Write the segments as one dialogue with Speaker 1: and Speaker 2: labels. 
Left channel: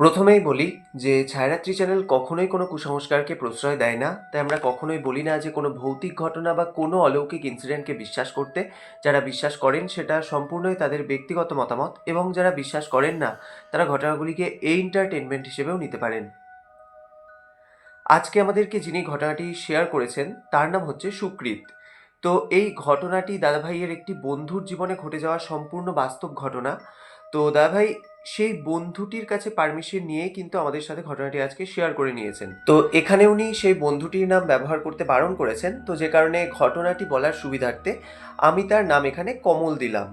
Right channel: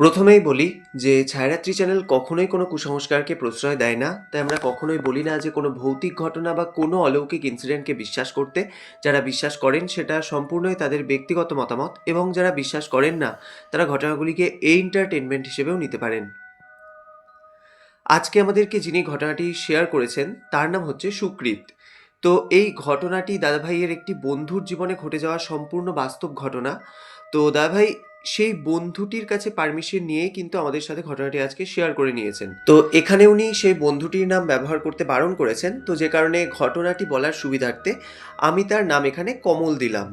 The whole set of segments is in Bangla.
Speaker 1: প্রথমেই বলি যে ছায়ারাত্রি চ্যানেল কখনোই কোনো কুসংস্কারকে প্রশ্রয় দেয় না, তাই আমরা কখনোই বলি না যে কোনো ভৌতিক ঘটনা বা কোনো অলৌকিক ইনসিডেন্টকে বিশ্বাস করতে। যারা বিশ্বাস করেন সেটা সম্পূর্ণই তাদের ব্যক্তিগত মতামত এবং যারা বিশ্বাস করেন না, তারা ঘটনাগুলিকে এন্টারটেনমেন্ট হিসেবেও নিতে পারেন। আজকে আমাদেরকে যিনি ঘটনাটি শেয়ার করেছেন, তার নাম হচ্ছে সুকৃত। তো এই ঘটনাটি দাদাভাইয়ের একটি বন্ধুর জীবনে ঘটে যাওয়া সম্পূর্ণ বাস্তব ঘটনা। তো দাদাভাই সেই বন্ধুটির কাছে পারমিশন নিয়ে কিন্তু আমাদের সাথে ঘটনাটি আজকে শেয়ার করে নিয়েছেন। তো এখানে উনি সেই বন্ধুটির নাম ব্যবহার করতে বারণ করেছেন। তো যে কারণে ঘটনাটি বলার সুবিধার্থে আমি তার নাম এখানে কমল দিলাম।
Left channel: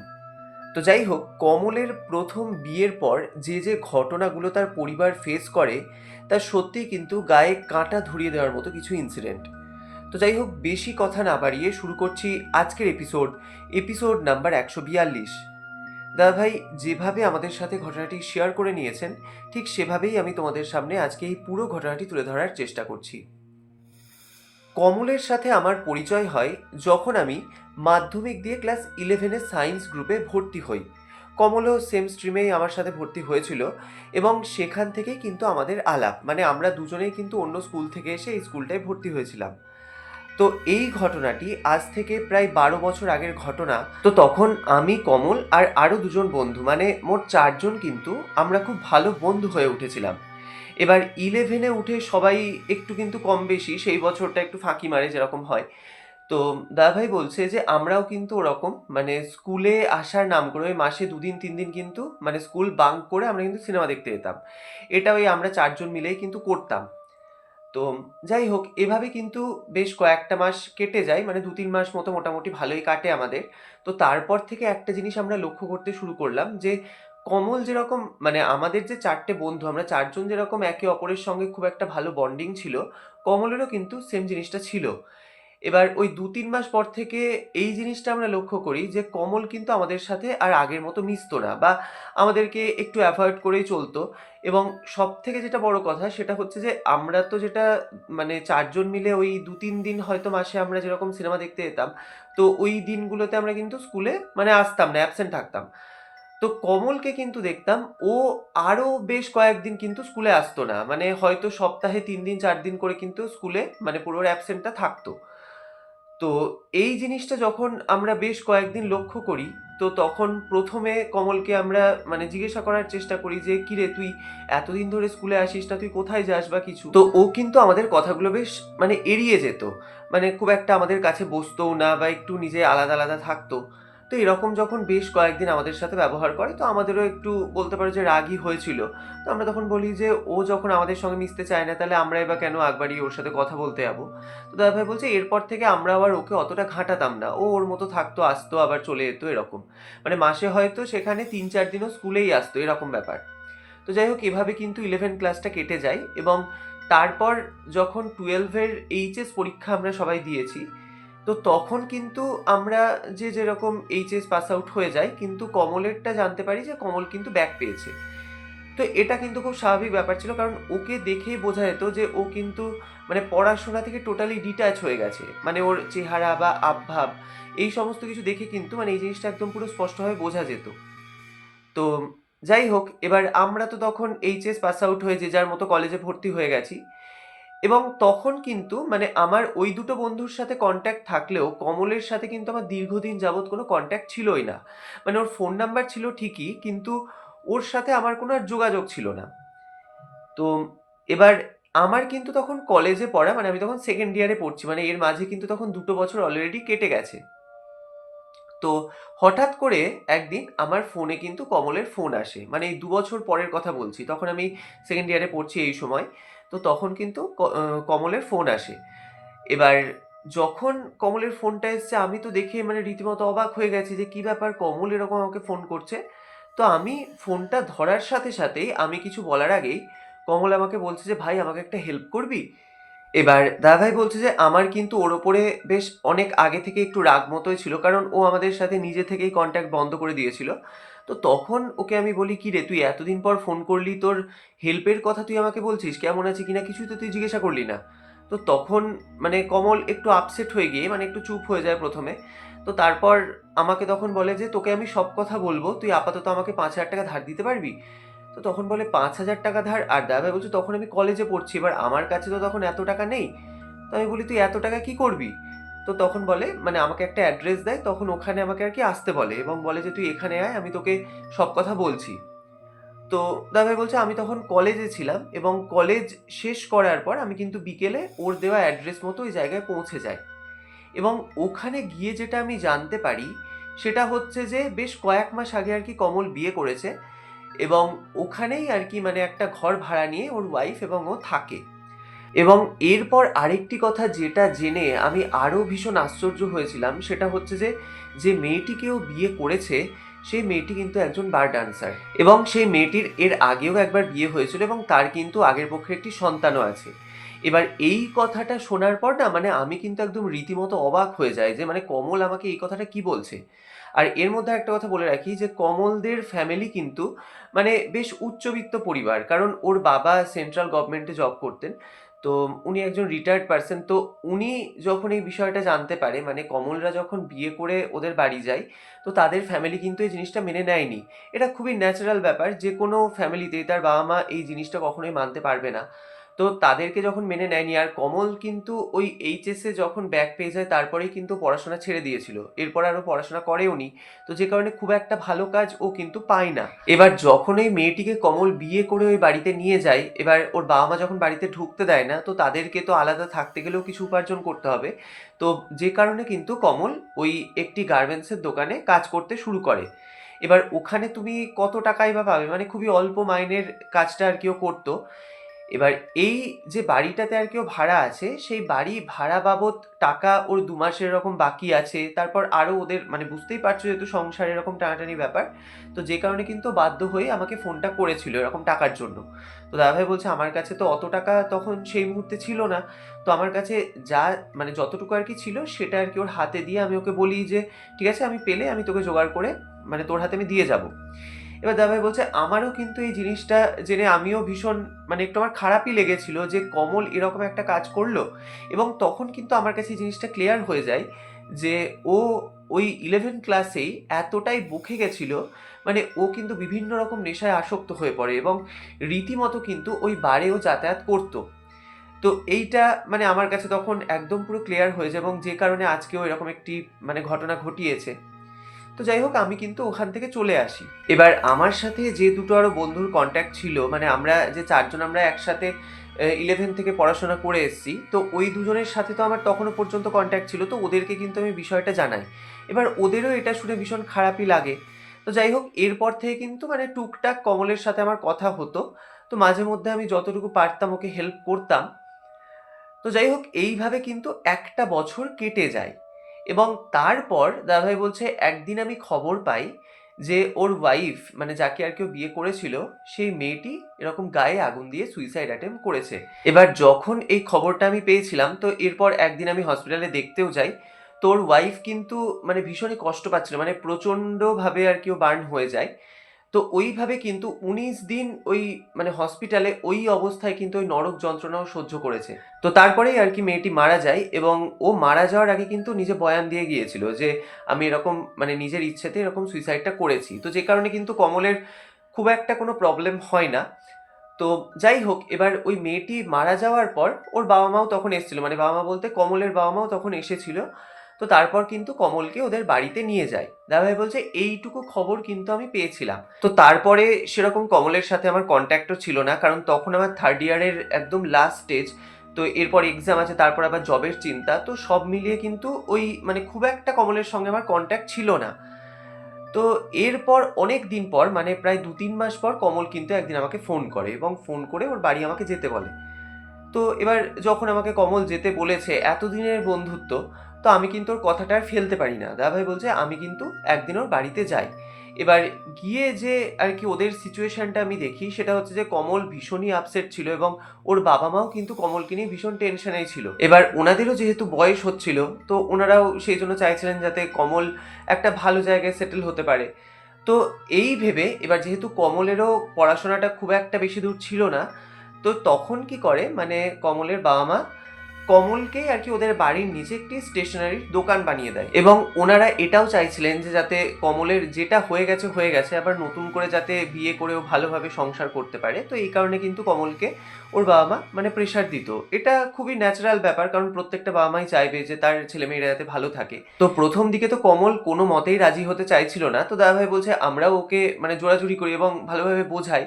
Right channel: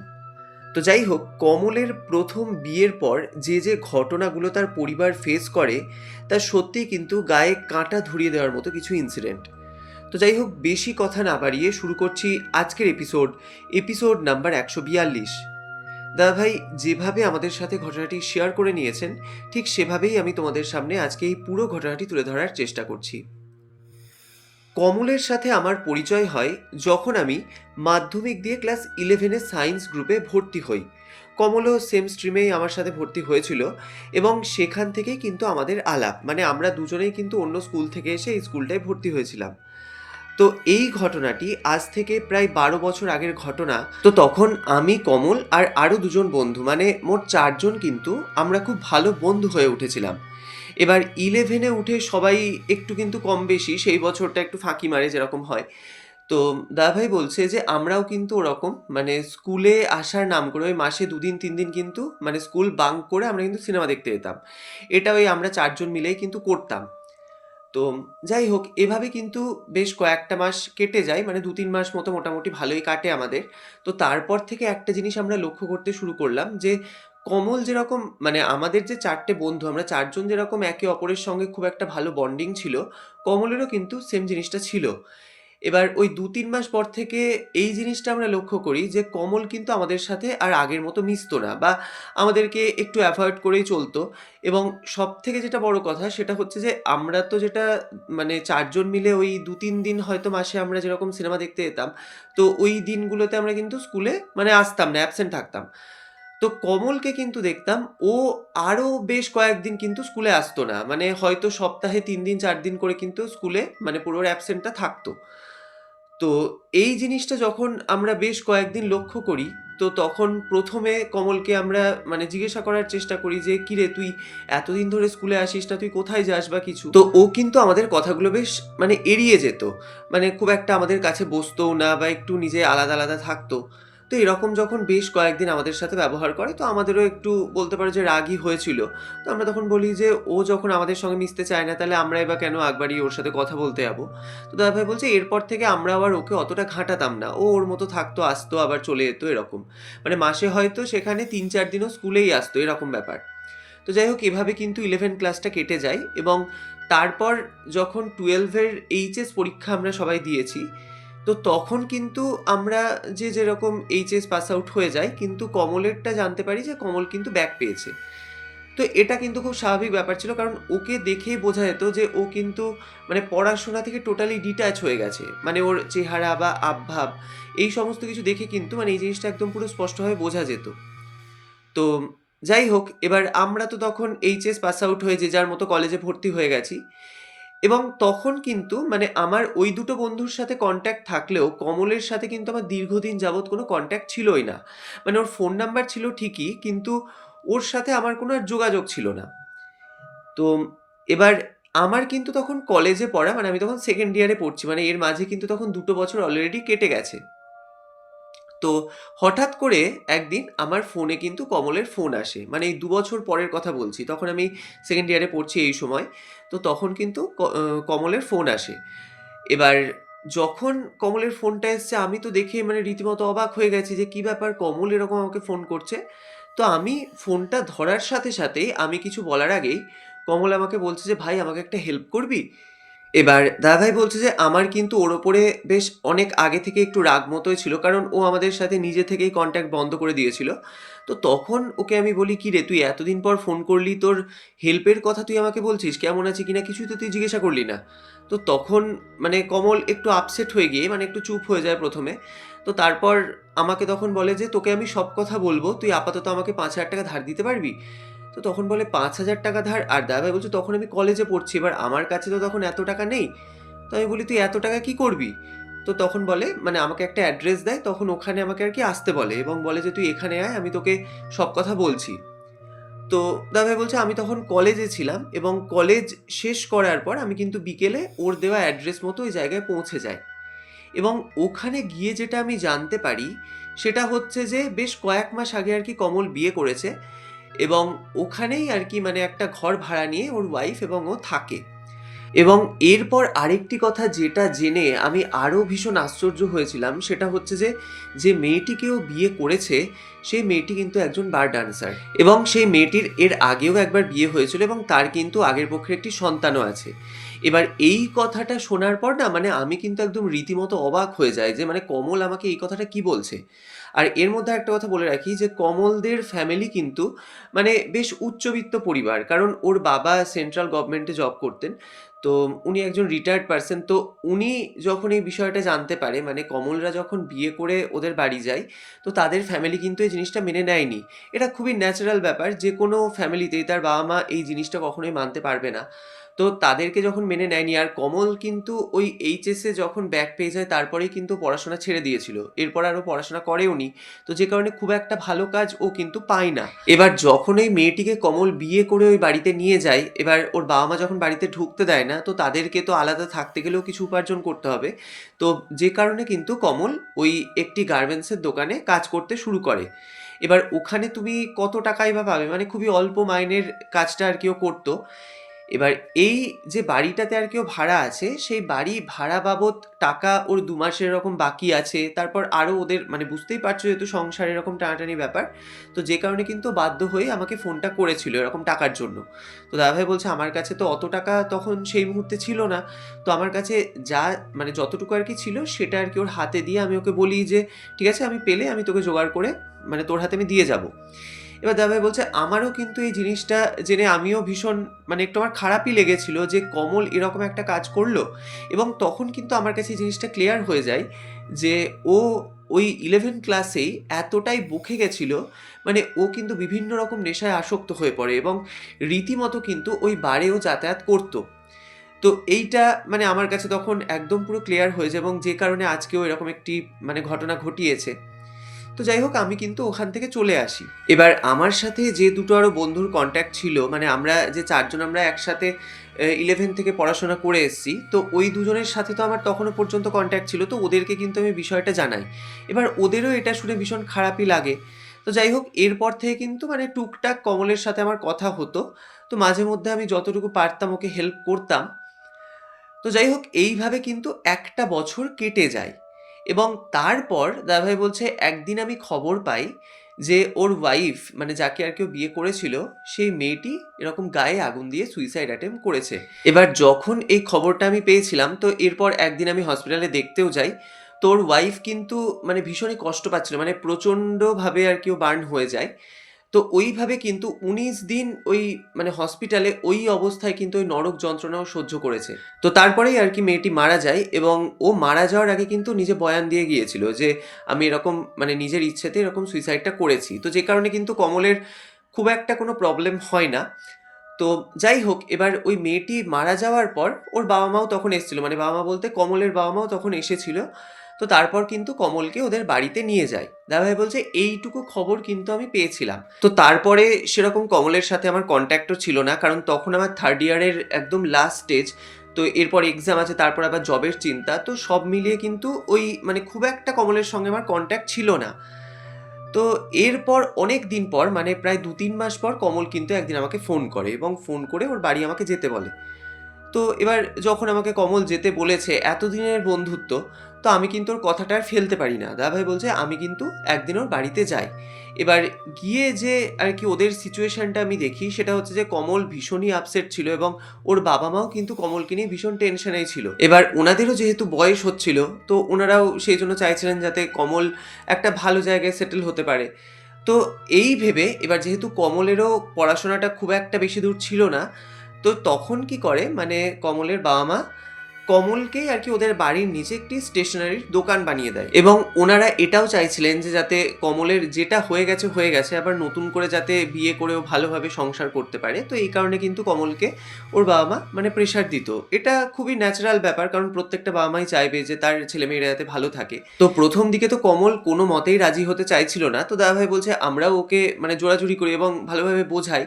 Speaker 1: তো যাই হোক, কমলের প্রথম বিয়ের পর যে যে ঘটনাগুলো তার পরিবার ফেস করে, তা সত্যিই কিন্তু গায়ে কাঁটা ধরিয়ে দেওয়ার মতো কিছু ইনসিডেন্ট তো যাই হোক, বেশি কথা না বাড়িয়ে শুরু করছি আজকের এপিসোড এপিসোড নাম্বার একশো বিয়াল্লিশ। দাদা ভাই, যেভাবে আমাদের সাথে ঘটনাটি শেয়ার করে নিয়েছেন, ঠিক সেভাবেই আমি তোমাদের সামনে আজকে এই পুরো ঘটনাটি তুলে ধরার চেষ্টা করছি। কমলের সাথে আমার পরিচয় হয় যখন আমি মাধ্যমিক দিয়ে ক্লাস ইলেভেনে সায়েন্স গ্রুপে ভর্তি হই। কমলও সেম স্ট্রিমেই আমার সাথে ভর্তি হয়েছিল এবং সেখান থেকেই কিন্তু আমাদের আলাপ মানে আমরা দুজনেই কিন্তু অন্য স্কুল থেকে এসে এই স্কুলটায় ভর্তি হয়েছিলাম। তো এই ঘটনাটি আজ থেকে প্রায় বারো বছর আগের ঘটনা। তো তখন আমি, কমল আর আরও দুজন বন্ধু মানে মোট চারজন কিন্তু আমরা খুব ভালো বন্ধু হয়ে উঠেছিলাম। এবার ইলেভেনে উঠে সবাই একটু কিন্তু কম বেশি, সেই বছরটা একটু ফাঁকি মারে যেরকম হয়। তো দাদাভাই বলছে যে, আমরাও কিন্তু ওরকম মানে স্কুলে আসার নাম করে ওই মাসে দুদিন তিন দিন কিন্তু মানে স্কুল বাঙ্ক করে আমরা কিন্তু সিনেমা দেখতে যেতাম। এটা ওই আমরা চারজন মিলেই কিন্তু করতাম। তো যাই হোক, এভাবে কিন্তু বেশ কয়েকটা মাস কেটে যায় মানে দু তিন মাস মতো মোটামুটি ভালোই কাটে আমাদের। তো তারপর থেকে একটা জিনিস আমরা লক্ষ্য করতে শুরু করলাম যে, কমল যেরকম মানে আমাদের যে চারটে বন্ধু, আমরা চারজন যেরকম একে অপরের সঙ্গে খুব একটা ভালো বন্ডিং ছিল, কমলেরও কিন্তু সেম জিনিসটা ছিল। এবার ওই দু তিন মাস পর থেকে এই জিনিসটা আমরা লক্ষ্য করি যে কমল কিন্তু আমাদের সাথে আর আগের মতো মিশতো না বা আমাদেরকে একটু অ্যাভয়েড করেই চলতো এবং সব থেকে যেটা বড় কথা সেটা হচ্ছে যে আমরা তো যেটা মানে চারজন মিলে ওই দু তিন দিন হয়তো মাসে আমরা যেরকম সিনেমা দেখতে যেতাম, তো ওই দিনগুলোতে আমরা কিন্তু স্কুলে মানে আসতাম না অ্যাবসেন্ট থাকতাম। তো কমলকে কিন্তু দেখতাম, ও আরও বেশ কয়েকদিন কিন্তু স্কুলে আসতো না মানে হয়তো সপ্তাহে তিন দিন, চার দিন করে কিন্তু স্কুলে মানে পুরো অ্যাবসেন্টটা থাকতো। তো এই জিনিসটা যখন আমরা বেশ কয়েকদিন লক্ষ্য করি, তো তখন প্রথমে কমলকে আমরা মানে জিজ্ঞাসা করার চেষ্টা করি যে, কিরে, তুই এতদিন ধরে স্কুলে আসিস না, তুই কোথায় যাস বা কিছু? তো ও কিন্তু আমাদের কথাগুলো বেশ মানে এড়িয়ে যেত। মানে খুব একটা আমাদের কাছে বসতো না বা একটু নিজে আলাদা আলাদা থাকতো। তো এরকম যখন বেশ কয়েকদিন আমাদের সাথে ব্যবহার করে, তো আমাদেরও একটু বলতে পারো যে রাগই হয়েছিল। তো আমরা তখন বলি যে, ও যখন আমাদের সঙ্গে মিশতে চায় না, তাহলে আমরাই বা কেন একবারই ওর সাথে কথা বলতে যাব? তো দাদাভাই বলছে, এরপর থেকে আমরা আবার ওকে অতটা ঘাঁটাতাম না। ও ওর মতো থাকতো, আসতো, আবার চলে যেত, এরকম। মানে মাসে হয়তো সেখানে তিন চার দিনও স্কুলেই আসতো, এরকম ব্যাপার। তো যাই হোক, এভাবে কিন্তু ইলেভেন ক্লাসটা কেটে যায় এবং তারপর যখন টুয়েলভের এইচএস পরীক্ষা আমরা সবাই দিয়েছি তো তখন কিন্তু আমরা যে যেরকম এইচএস পাস আউট হয়ে যায়, কিন্তু কমলেরটা জানতে পারি যে কমল কিন্তু ব্যাক পেয়েছে। তো এটা কিন্তু খুব স্বাভাবিক ব্যাপার ছিল, কারণ ওকে দেখেই বোঝা যেত যে ও কিন্তু মানে পড়াশোনা থেকে টোটালি ডিট্যাচ হয়ে গেছে। মানে ওর চেহারা বা আবভাব, এই সমস্ত কিছু দেখে কিন্তু মানে এই জিনিসটা একদম পুরো স্পষ্টভাবে বোঝা যেত। তো যাই হোক, এবার আমরা তো তখন এইচএস পাস আউট হয়ে যে যার মতো কলেজে ভর্তি হয়ে গেছি এবং তখন কিন্তু মানে আমার ওই দুটো বন্ধুর সাথে কন্ট্যাক্ট থাকলেও কমলের সাথে কিন্তু আমার দীর্ঘদিন যাবৎ কোনো কন্ট্যাক্ট ছিলই না। মানে ওর ফোন নাম্বার ছিল ঠিকই, কিন্তু ওর সাথে আমার কোনো আর যোগাযোগ ছিল না। তো এবার আমার কিন্তু তখন কলেজে পড়া মানে আমি তখন সেকেন্ড ইয়ারে পড়ছি মানে এর মাঝে কিন্তু তখন দুটো বছর অলরেডি কেটে গেছে। তো হঠাৎ করে একদিন আমার ফোনে কিন্তু কমলের ফোন আসে। মানে এই দু বছর পরের কথা বলছি, তখন আমি সেকেন্ড ইয়ারে পড়ছি এই সময়। তো তখন কিন্তু কমলের ফোন আসে। এবার যখন কমলের ফোনটা এসছে, আমি তো দেখে মানে রীতিমতো অবাক হয়ে গেছি যে, কি ব্যাপার? কমল এরকম আমাকে ফোন করছে? তো আমি ফোনটা ধরার সাথে সাথেই আমি কিছু বলার আগেই কমল আমাকে বলছে যে, ভাই, আমাকে একটা হেল্প করবি? এবার দাদাভাই বলছে যে, আমার কিন্তু ওর ওপরে বেশ অনেক আগে থেকে একটু রাগ মতোই ছিল, কারণ ও আমাদের সাথে নিজে থেকেই কন্ট্যাক্ট বন্ধ করে দিয়েছিল। তো তখন ওকে আমি বলি কি রে তুই এতদিন পর ফোন করলি তোর হেল্পের কথা তুই আমাকে বলছিস কেমন আছে কিনা কিছুই তো তুই জিজ্ঞাসা করলি না তো তখন মানে কমল একটু আপসেট হয়ে গিয়ে মানে একটু চুপ হয়ে যায় প্রথমে তো তারপর আমাকে তখন বলে যে তোকে আমি সব কথা বলব তুই আপাতত আমাকে পাঁচ হাজার টাকা ধার দিতে পারবি তো তখন বলে, "৫,০০০ ধার।" আর দাদাভাই বলছে, "তখন আমি কলেজে পড়ছি। এবার আমার কাছে তো তখন এত টাকা নেই।" তো আমি বলি, "তুই এত টাকা কি করবি?" তো তখন বলে মানে আমাকে একটা অ্যাড্রেস দেয়। তখন ওখানে আমাকে আর কি আসতে বলে এবং বলে যে, "তুই এখানে আয়, আমি তোকে সব কথা বলছি।" তো দাদাভাই বলছে, "আমি তখন কলেজে ছিলাম এবং কলেজ শেষ করার পর আমি কিন্তু বিকেলে ওর দেওয়া অ্যাড্রেস মতো ওই জায়গায় পৌঁছে যাই। এবং ওখানে গিয়ে যেটা আমি জানতে পারি, সেটা হচ্ছে যে বেশ কয়েক মাস আগে আর কি কমল বিয়ে করেছে এবং ওখানেই আর কি মানে একটা ঘর ভাড়া নিয়ে ওর ওয়াইফ এবং ও থাকে। এবং এরপর আরেকটি কথা যেটা জেনে আমি আরও ভীষণ আশ্চর্য হয়েছিলাম, সেটা হচ্ছে যে, যে মেয়েটিকে ও বিয়ে করেছে, সেই মেয়েটি কিন্তু একজন বার ডান্সার এবং সেই মেয়েটির এর আগেও একবার বিয়ে হয়েছিল এবং তার কিন্তু আগের পক্ষে একটি সন্তানও আছে। এবার এই কথাটা শোনার পর না মানে আমি কিন্তু একদম রীতিমতো অবাক হয়ে যাই যে মানে কমল আমাকে এই কথাটা কি বলছে? আর এর মধ্যে একটা কথা বলে রাখি যে কমলদের ফ্যামিলি কিন্তু মানে বেশ উচ্চবিত্ত পরিবার। কারণ ওর বাবা সেন্ট্রাল গভর্নমেন্টে জব করতেন। তো উনি একজন রিটায়ার্ড পারসন। তো উনি যখন এই বিষয়টা জানতে পারে মানে কমলরা যখন বিয়ে করে ওদের বাড়ি যায়, তো তাদের ফ্যামিলি কিন্তু এই জিনিসটা মেনে নেয়নি। এটা খুবই ন্যাচারাল ব্যাপার। যে কোনো ফ্যামিলিতেই তার বাবা-মা এই জিনিসটা কখনোই মানতে পারবে না। তো তাদেরকে যখন মেনে নেয়নি আর কমল কিন্তু ওই এইচএসে যখন ব্যাক পেয়ে যায় তারপরেই কিন্তু পড়াশোনা ছেড়ে দিয়েছিল। এরপর আরও পড়াশোনা করেওনি। তো যে কারণে খুব একটা ভালো কাজ ও কিন্তু পায় না। এবার যখন ওই মেয়েটিকে কমল বিয়ে করে ওই বাড়িতে নিয়ে যায়, এবার ওর বাবা-মা যখন বাড়িতে ঢুকতে দেয় না, তো তাদেরকে তো আলাদা থাকতে গেলেও কিছু উপার্জন করতে হবে। তো যে কারণে কিন্তু কমল ওই একটি গার্মেন্টসের দোকানে কাজ করতে শুরু করে। এবার ওখানে তুমি কত টাকাই বা পাবে? মানে খুবই অল্প মাইনের কাজটা আরকি ও করত। এবার এই যে বাড়িটাতে আরকি ও ভাড়া আছে, সেই বাড়ি ভাড়া বাবদ টাকা ওর দু মাসের এরকম বাকি আছে। তারপর আরও ওদের মানে বুঝতেই পারছ যেহেতু সংসার এরকম টানাটানি ব্যাপার। তো যে কারণে কিন্তু বাধ্য হয়ে আমাকে ফোনটা করেছিল এরকম টাকার জন্য। তো দাদাভাই বলছে, "আমার কাছে তো অত টাকা তখন সেই মুহূর্তে ছিল না। তো আমার কাছে যা মানে যতটুকু আর কি ছিল সেটা আর কি ওর হাতে দিয়ে আমি ওকে বলি যে, 'ঠিক আছে আমি পেলে আমি তোকে জোগাড় করে মানে তোর হাতে আমি দিয়ে যাব।' এবার দাদাভাই বলছে, "আমারও কিন্তু এই জিনিসটা জেনে আমিও ভীষণ মানে একটু আমার খারাপই লেগেছিল যে কমল এরকম একটা কাজ করল।" এবং তখন কিন্তু আমার কাছে এই জিনিসটা ক্লিয়ার হয়ে যায় যে ও ওই 11 ক্লাসেই এতটাই বকে গেছিল, মানে ও কিন্তু বিভিন্ন রকম নেশায় আসক্ত হয়ে পড়ে এবং রীতিমতো কিন্তু ওই বারেও যাতায়াত করত। তো এইটা মানে আমার কাছে তখন একদম পুরো ক্লিয়ার হয়ে যায় এবং যে কারণে আজকেও এরকম একটি মানে ঘটনা ঘটিয়েছে। তো যাই হোক, আমি কিন্তু ওখান থেকে চলে আসি। এবার আমার সাথে যে দুটো আরও বন্ধুর কন্ট্যাক্ট ছিল মানে আমরা যে চারজন আমরা একসাথে ইলেভেন থেকে পড়াশোনা করে এসেছি। তো ওই দুজনের সাথে তো আমার তখনও পর্যন্ত কন্ট্যাক্ট ছিল। তো ওদেরকে কিন্তু আমি বিষয়টা জানাই। এবার ওদেরও এটা শুনে ভীষণ খারাপই লাগে। তো যাই হোক, এরপর থেকে কিন্তু মানে টুকটাক কমলের সাথে আমার কথা হতো। তো মাঝে মধ্যে আমি যতটুকু পারতাম ওকে হেল্প করতাম। তো যাই হোক, এইভাবে কিন্তু একটা বছর কেটে যায় এবং তারপর দাদাভাই বলছে একদিন আমি খবর পাই যে ওর ওয়াইফ মানে যাকে আর কেউ বিয়ে করেছিল, সেই মেয়েটি এরকম গায়ে আগুন দিয়ে সুইসাইড অ্যাটেম্প করেছে। এবার যখন এই খবরটা আমি পেয়েছিলাম তো এরপর একদিন আমি হসপিটালে দেখতেও যাই। তোর ওয়াইফ কিন্তু মানে ভীষণই কষ্ট পাচ্ছিল। মানে প্রচণ্ডভাবে আরকি ও বার্ন হয়ে যায়। তো ওইভাবে কিন্তু ১৯ দিন ওই মানে হসপিটালে ওই অবস্থায় কিন্তু ওই নরক যন্ত্রণাও সহ্য করেছে। তো তারপরেই আর কি মেয়েটি মারা যায় এবং ও মারা যাওয়ার আগে কিন্তু নিজে বয়ান দিয়ে গিয়েছিল যে, "আমি এরকম মানে নিজের ইচ্ছেতে এরকম সুইসাইডটা করেছি।" তো যে কারণে কিন্তু কমলের খুব একটা কোনো প্রবলেম হয় না। তো যাই হোক এবার ওই মেয়েটি মারা যাওয়ার পর ওর বাবা-মাও তখন এসেছিল। মানে বাবা-মা বলতে কমলের বাবা-মাও তখন এসেছিল। তো তারপর কিন্তু কমলকে ওদের বাড়িতে নিয়ে যায়। দাদাভাই বলছে, "এইটুকু খবর কিন্তু আমি পেয়েছিলাম।" তো তারপরে সেরকম কমলের সাথে আমার কন্ট্যাক্টও ছিল না। কারণ তখন আমার থার্ড ইয়ারের একদম লাস্ট স্টেজ। তো এরপর এক্সাম আছে, তারপর আবার জবের চিন্তা। তো সব মিলিয়ে কিন্তু ওই মানে খুব একটা কমলের সঙ্গে আমার কন্ট্যাক্ট ছিল না। তো এরপর অনেক দিন পর মানে প্রায় ২-৩ মাস পর কমল কিন্তু একদিন আমাকে ফোন করে এবং ফোন করে ওর বাড়ি আমাকে যেতে বলে। তো এবার যখন আমাকে কমল যেতে বলেছে, এতদিনের বন্ধুত্ব, তো আমি কিন্তু ওর কথাটা আর ফেলতে পারি না। দাদাভাই বলছে, "আমি কিন্তু একদিন ওর বাড়িতে যাই।" এবার গিয়ে যে আর কি ওদের সিচুয়েশনটা আমি দেখি সেটা হচ্ছে যে কমল ভীষণই আপসেট ছিল এবং ওর বাবা-মাও কিন্তু কমলকে নিয়ে ভীষণ টেনশনেই ছিল। এবার ওনাদেরও যেহেতু বয়স হচ্ছিল, তো ওনারাও সেই জন্য চাইছিলেন যাতে কমল একটা ভালো জায়গায় সেটেল হতে পারে। তো এই ভেবে এবার যেহেতু কমলেরও পড়াশোনাটা খুব একটা বেশি দূর ছিল না, তো তখন কি করে মানে কমলের বাবা-মা কমলকেই আর কি ওদের বাড়ির নিচে একটি স্টেশনারির দোকান বানিয়ে দেয়। এবং ওনারা এটাও চাইছিলেন যে যাতে কমলের যেটা হয়ে গেছে হয়ে গেছে, আবার নতুন করে যাতে বিয়ে করেও ভালোভাবে সংসার করতে পারে। তো এই কারণে কিন্তু কমলকে ওর বাবা মা মানে প্রেশার দিত। এটা খুবই ন্যাচারাল ব্যাপার, কারণ প্রত্যেকটা বাবা মাই চাইবে যে তার ছেলেমেয়েরা যাতে ভালো থাকে। তো প্রথম দিকে তো কমল কোনো মতেই রাজি হতে চাইছিল না। তো দাদাভাই বলছে, আমরাও ওকে মানে জোরাজুরি করি এবং ভালোভাবে বোঝাই।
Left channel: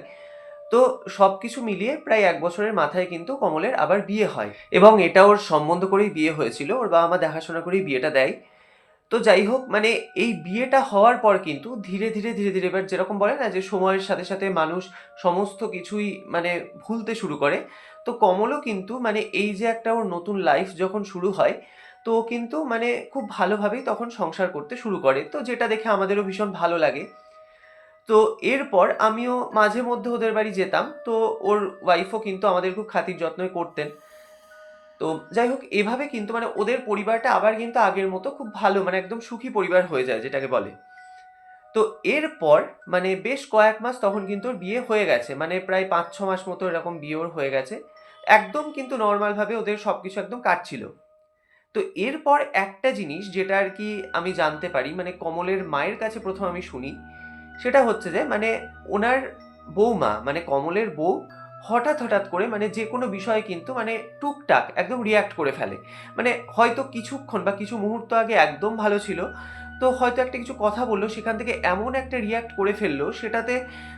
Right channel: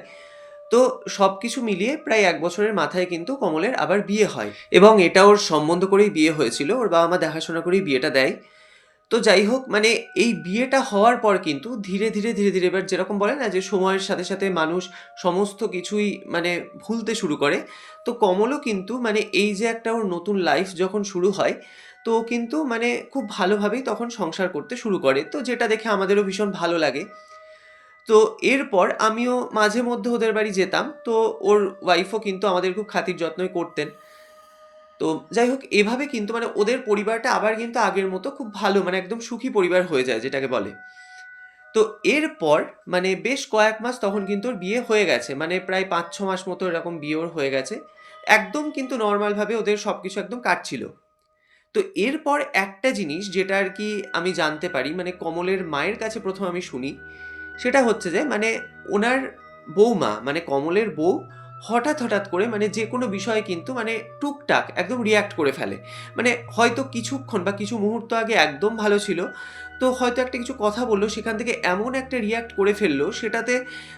Speaker 1: তো সব কিছু মিলিয়ে প্রায় এক বছরের মাথায় কিন্তু কমলের আবার বিয়ে হয়। এবং এটা ওর সম্বন্ধ করেই বিয়ে হয়েছিল, ওর বাবা মা দেখাশোনা করেই বিয়েটা দেয়। তো যাই হোক মানে এই বিয়েটা হওয়ার পর কিন্তু ধীরে ধীরে ধীরে ধীরে এবার যেরকম বলে না যে সময়ের সাথে সাথে মানুষ সমস্ত কিছুই মানে ভুলতে শুরু করে। তো কমলও কিন্তু মানে এই যে একটা ওর নতুন লাইফ যখন শুরু হয়, তো কিন্তু মানে খুব ভালোভাবেই তখন সংসার করতে শুরু করে। তো যেটা দেখে আমাদেরও ভীষণ ভালো লাগে। তো এরপর আমিও মাঝে মধ্যে ওদের বাড়ি যেতাম। তো ওর ওয়াইফও কিন্তু আমাদের খুব খাতির যত্নই করতেন। তো যাই হোক, এভাবে কিন্তু মানে ওদের পরিবারটা আবার কিন্তু আগের মতো খুব ভালো মানে একদম সুখী পরিবার হয়ে যায় যেটাকে বলে। তো এরপর মানে বেশ কয়েক মাস তখন কিন্তু ওর বিয়ে হয়ে গেছে মানে প্রায় পাঁচ, ছ মাস মতো এরকম বিয়ে ওর হয়ে গেছে। একদম কিন্তু নর্মালভাবে ওদের সব কিছু একদম কাটছিল। তো এরপর একটা জিনিস যেটা আর কি আমি জানতে পারি মানে কমলের মায়ের কাছে প্রথম আমি শুনি সেটা হচ্ছে যে মানে ওনার বৌমা মানে কমলের বউ হঠাৎ হঠাৎ করে মানে যে কোনো বিষয়ে কিন্তু মানে টুকটাক একদম রিয়াক্ট করে ফেলে। মানে হয়তো কিছুক্ষণ বা কিছু মুহূর্ত আগে একদম ভালো ছিল তো হয়তো একটা কিছু কথা বলল, সেখান থেকে এমন একটা রিয়্যাক্ট করে ফেলল, সেটাতে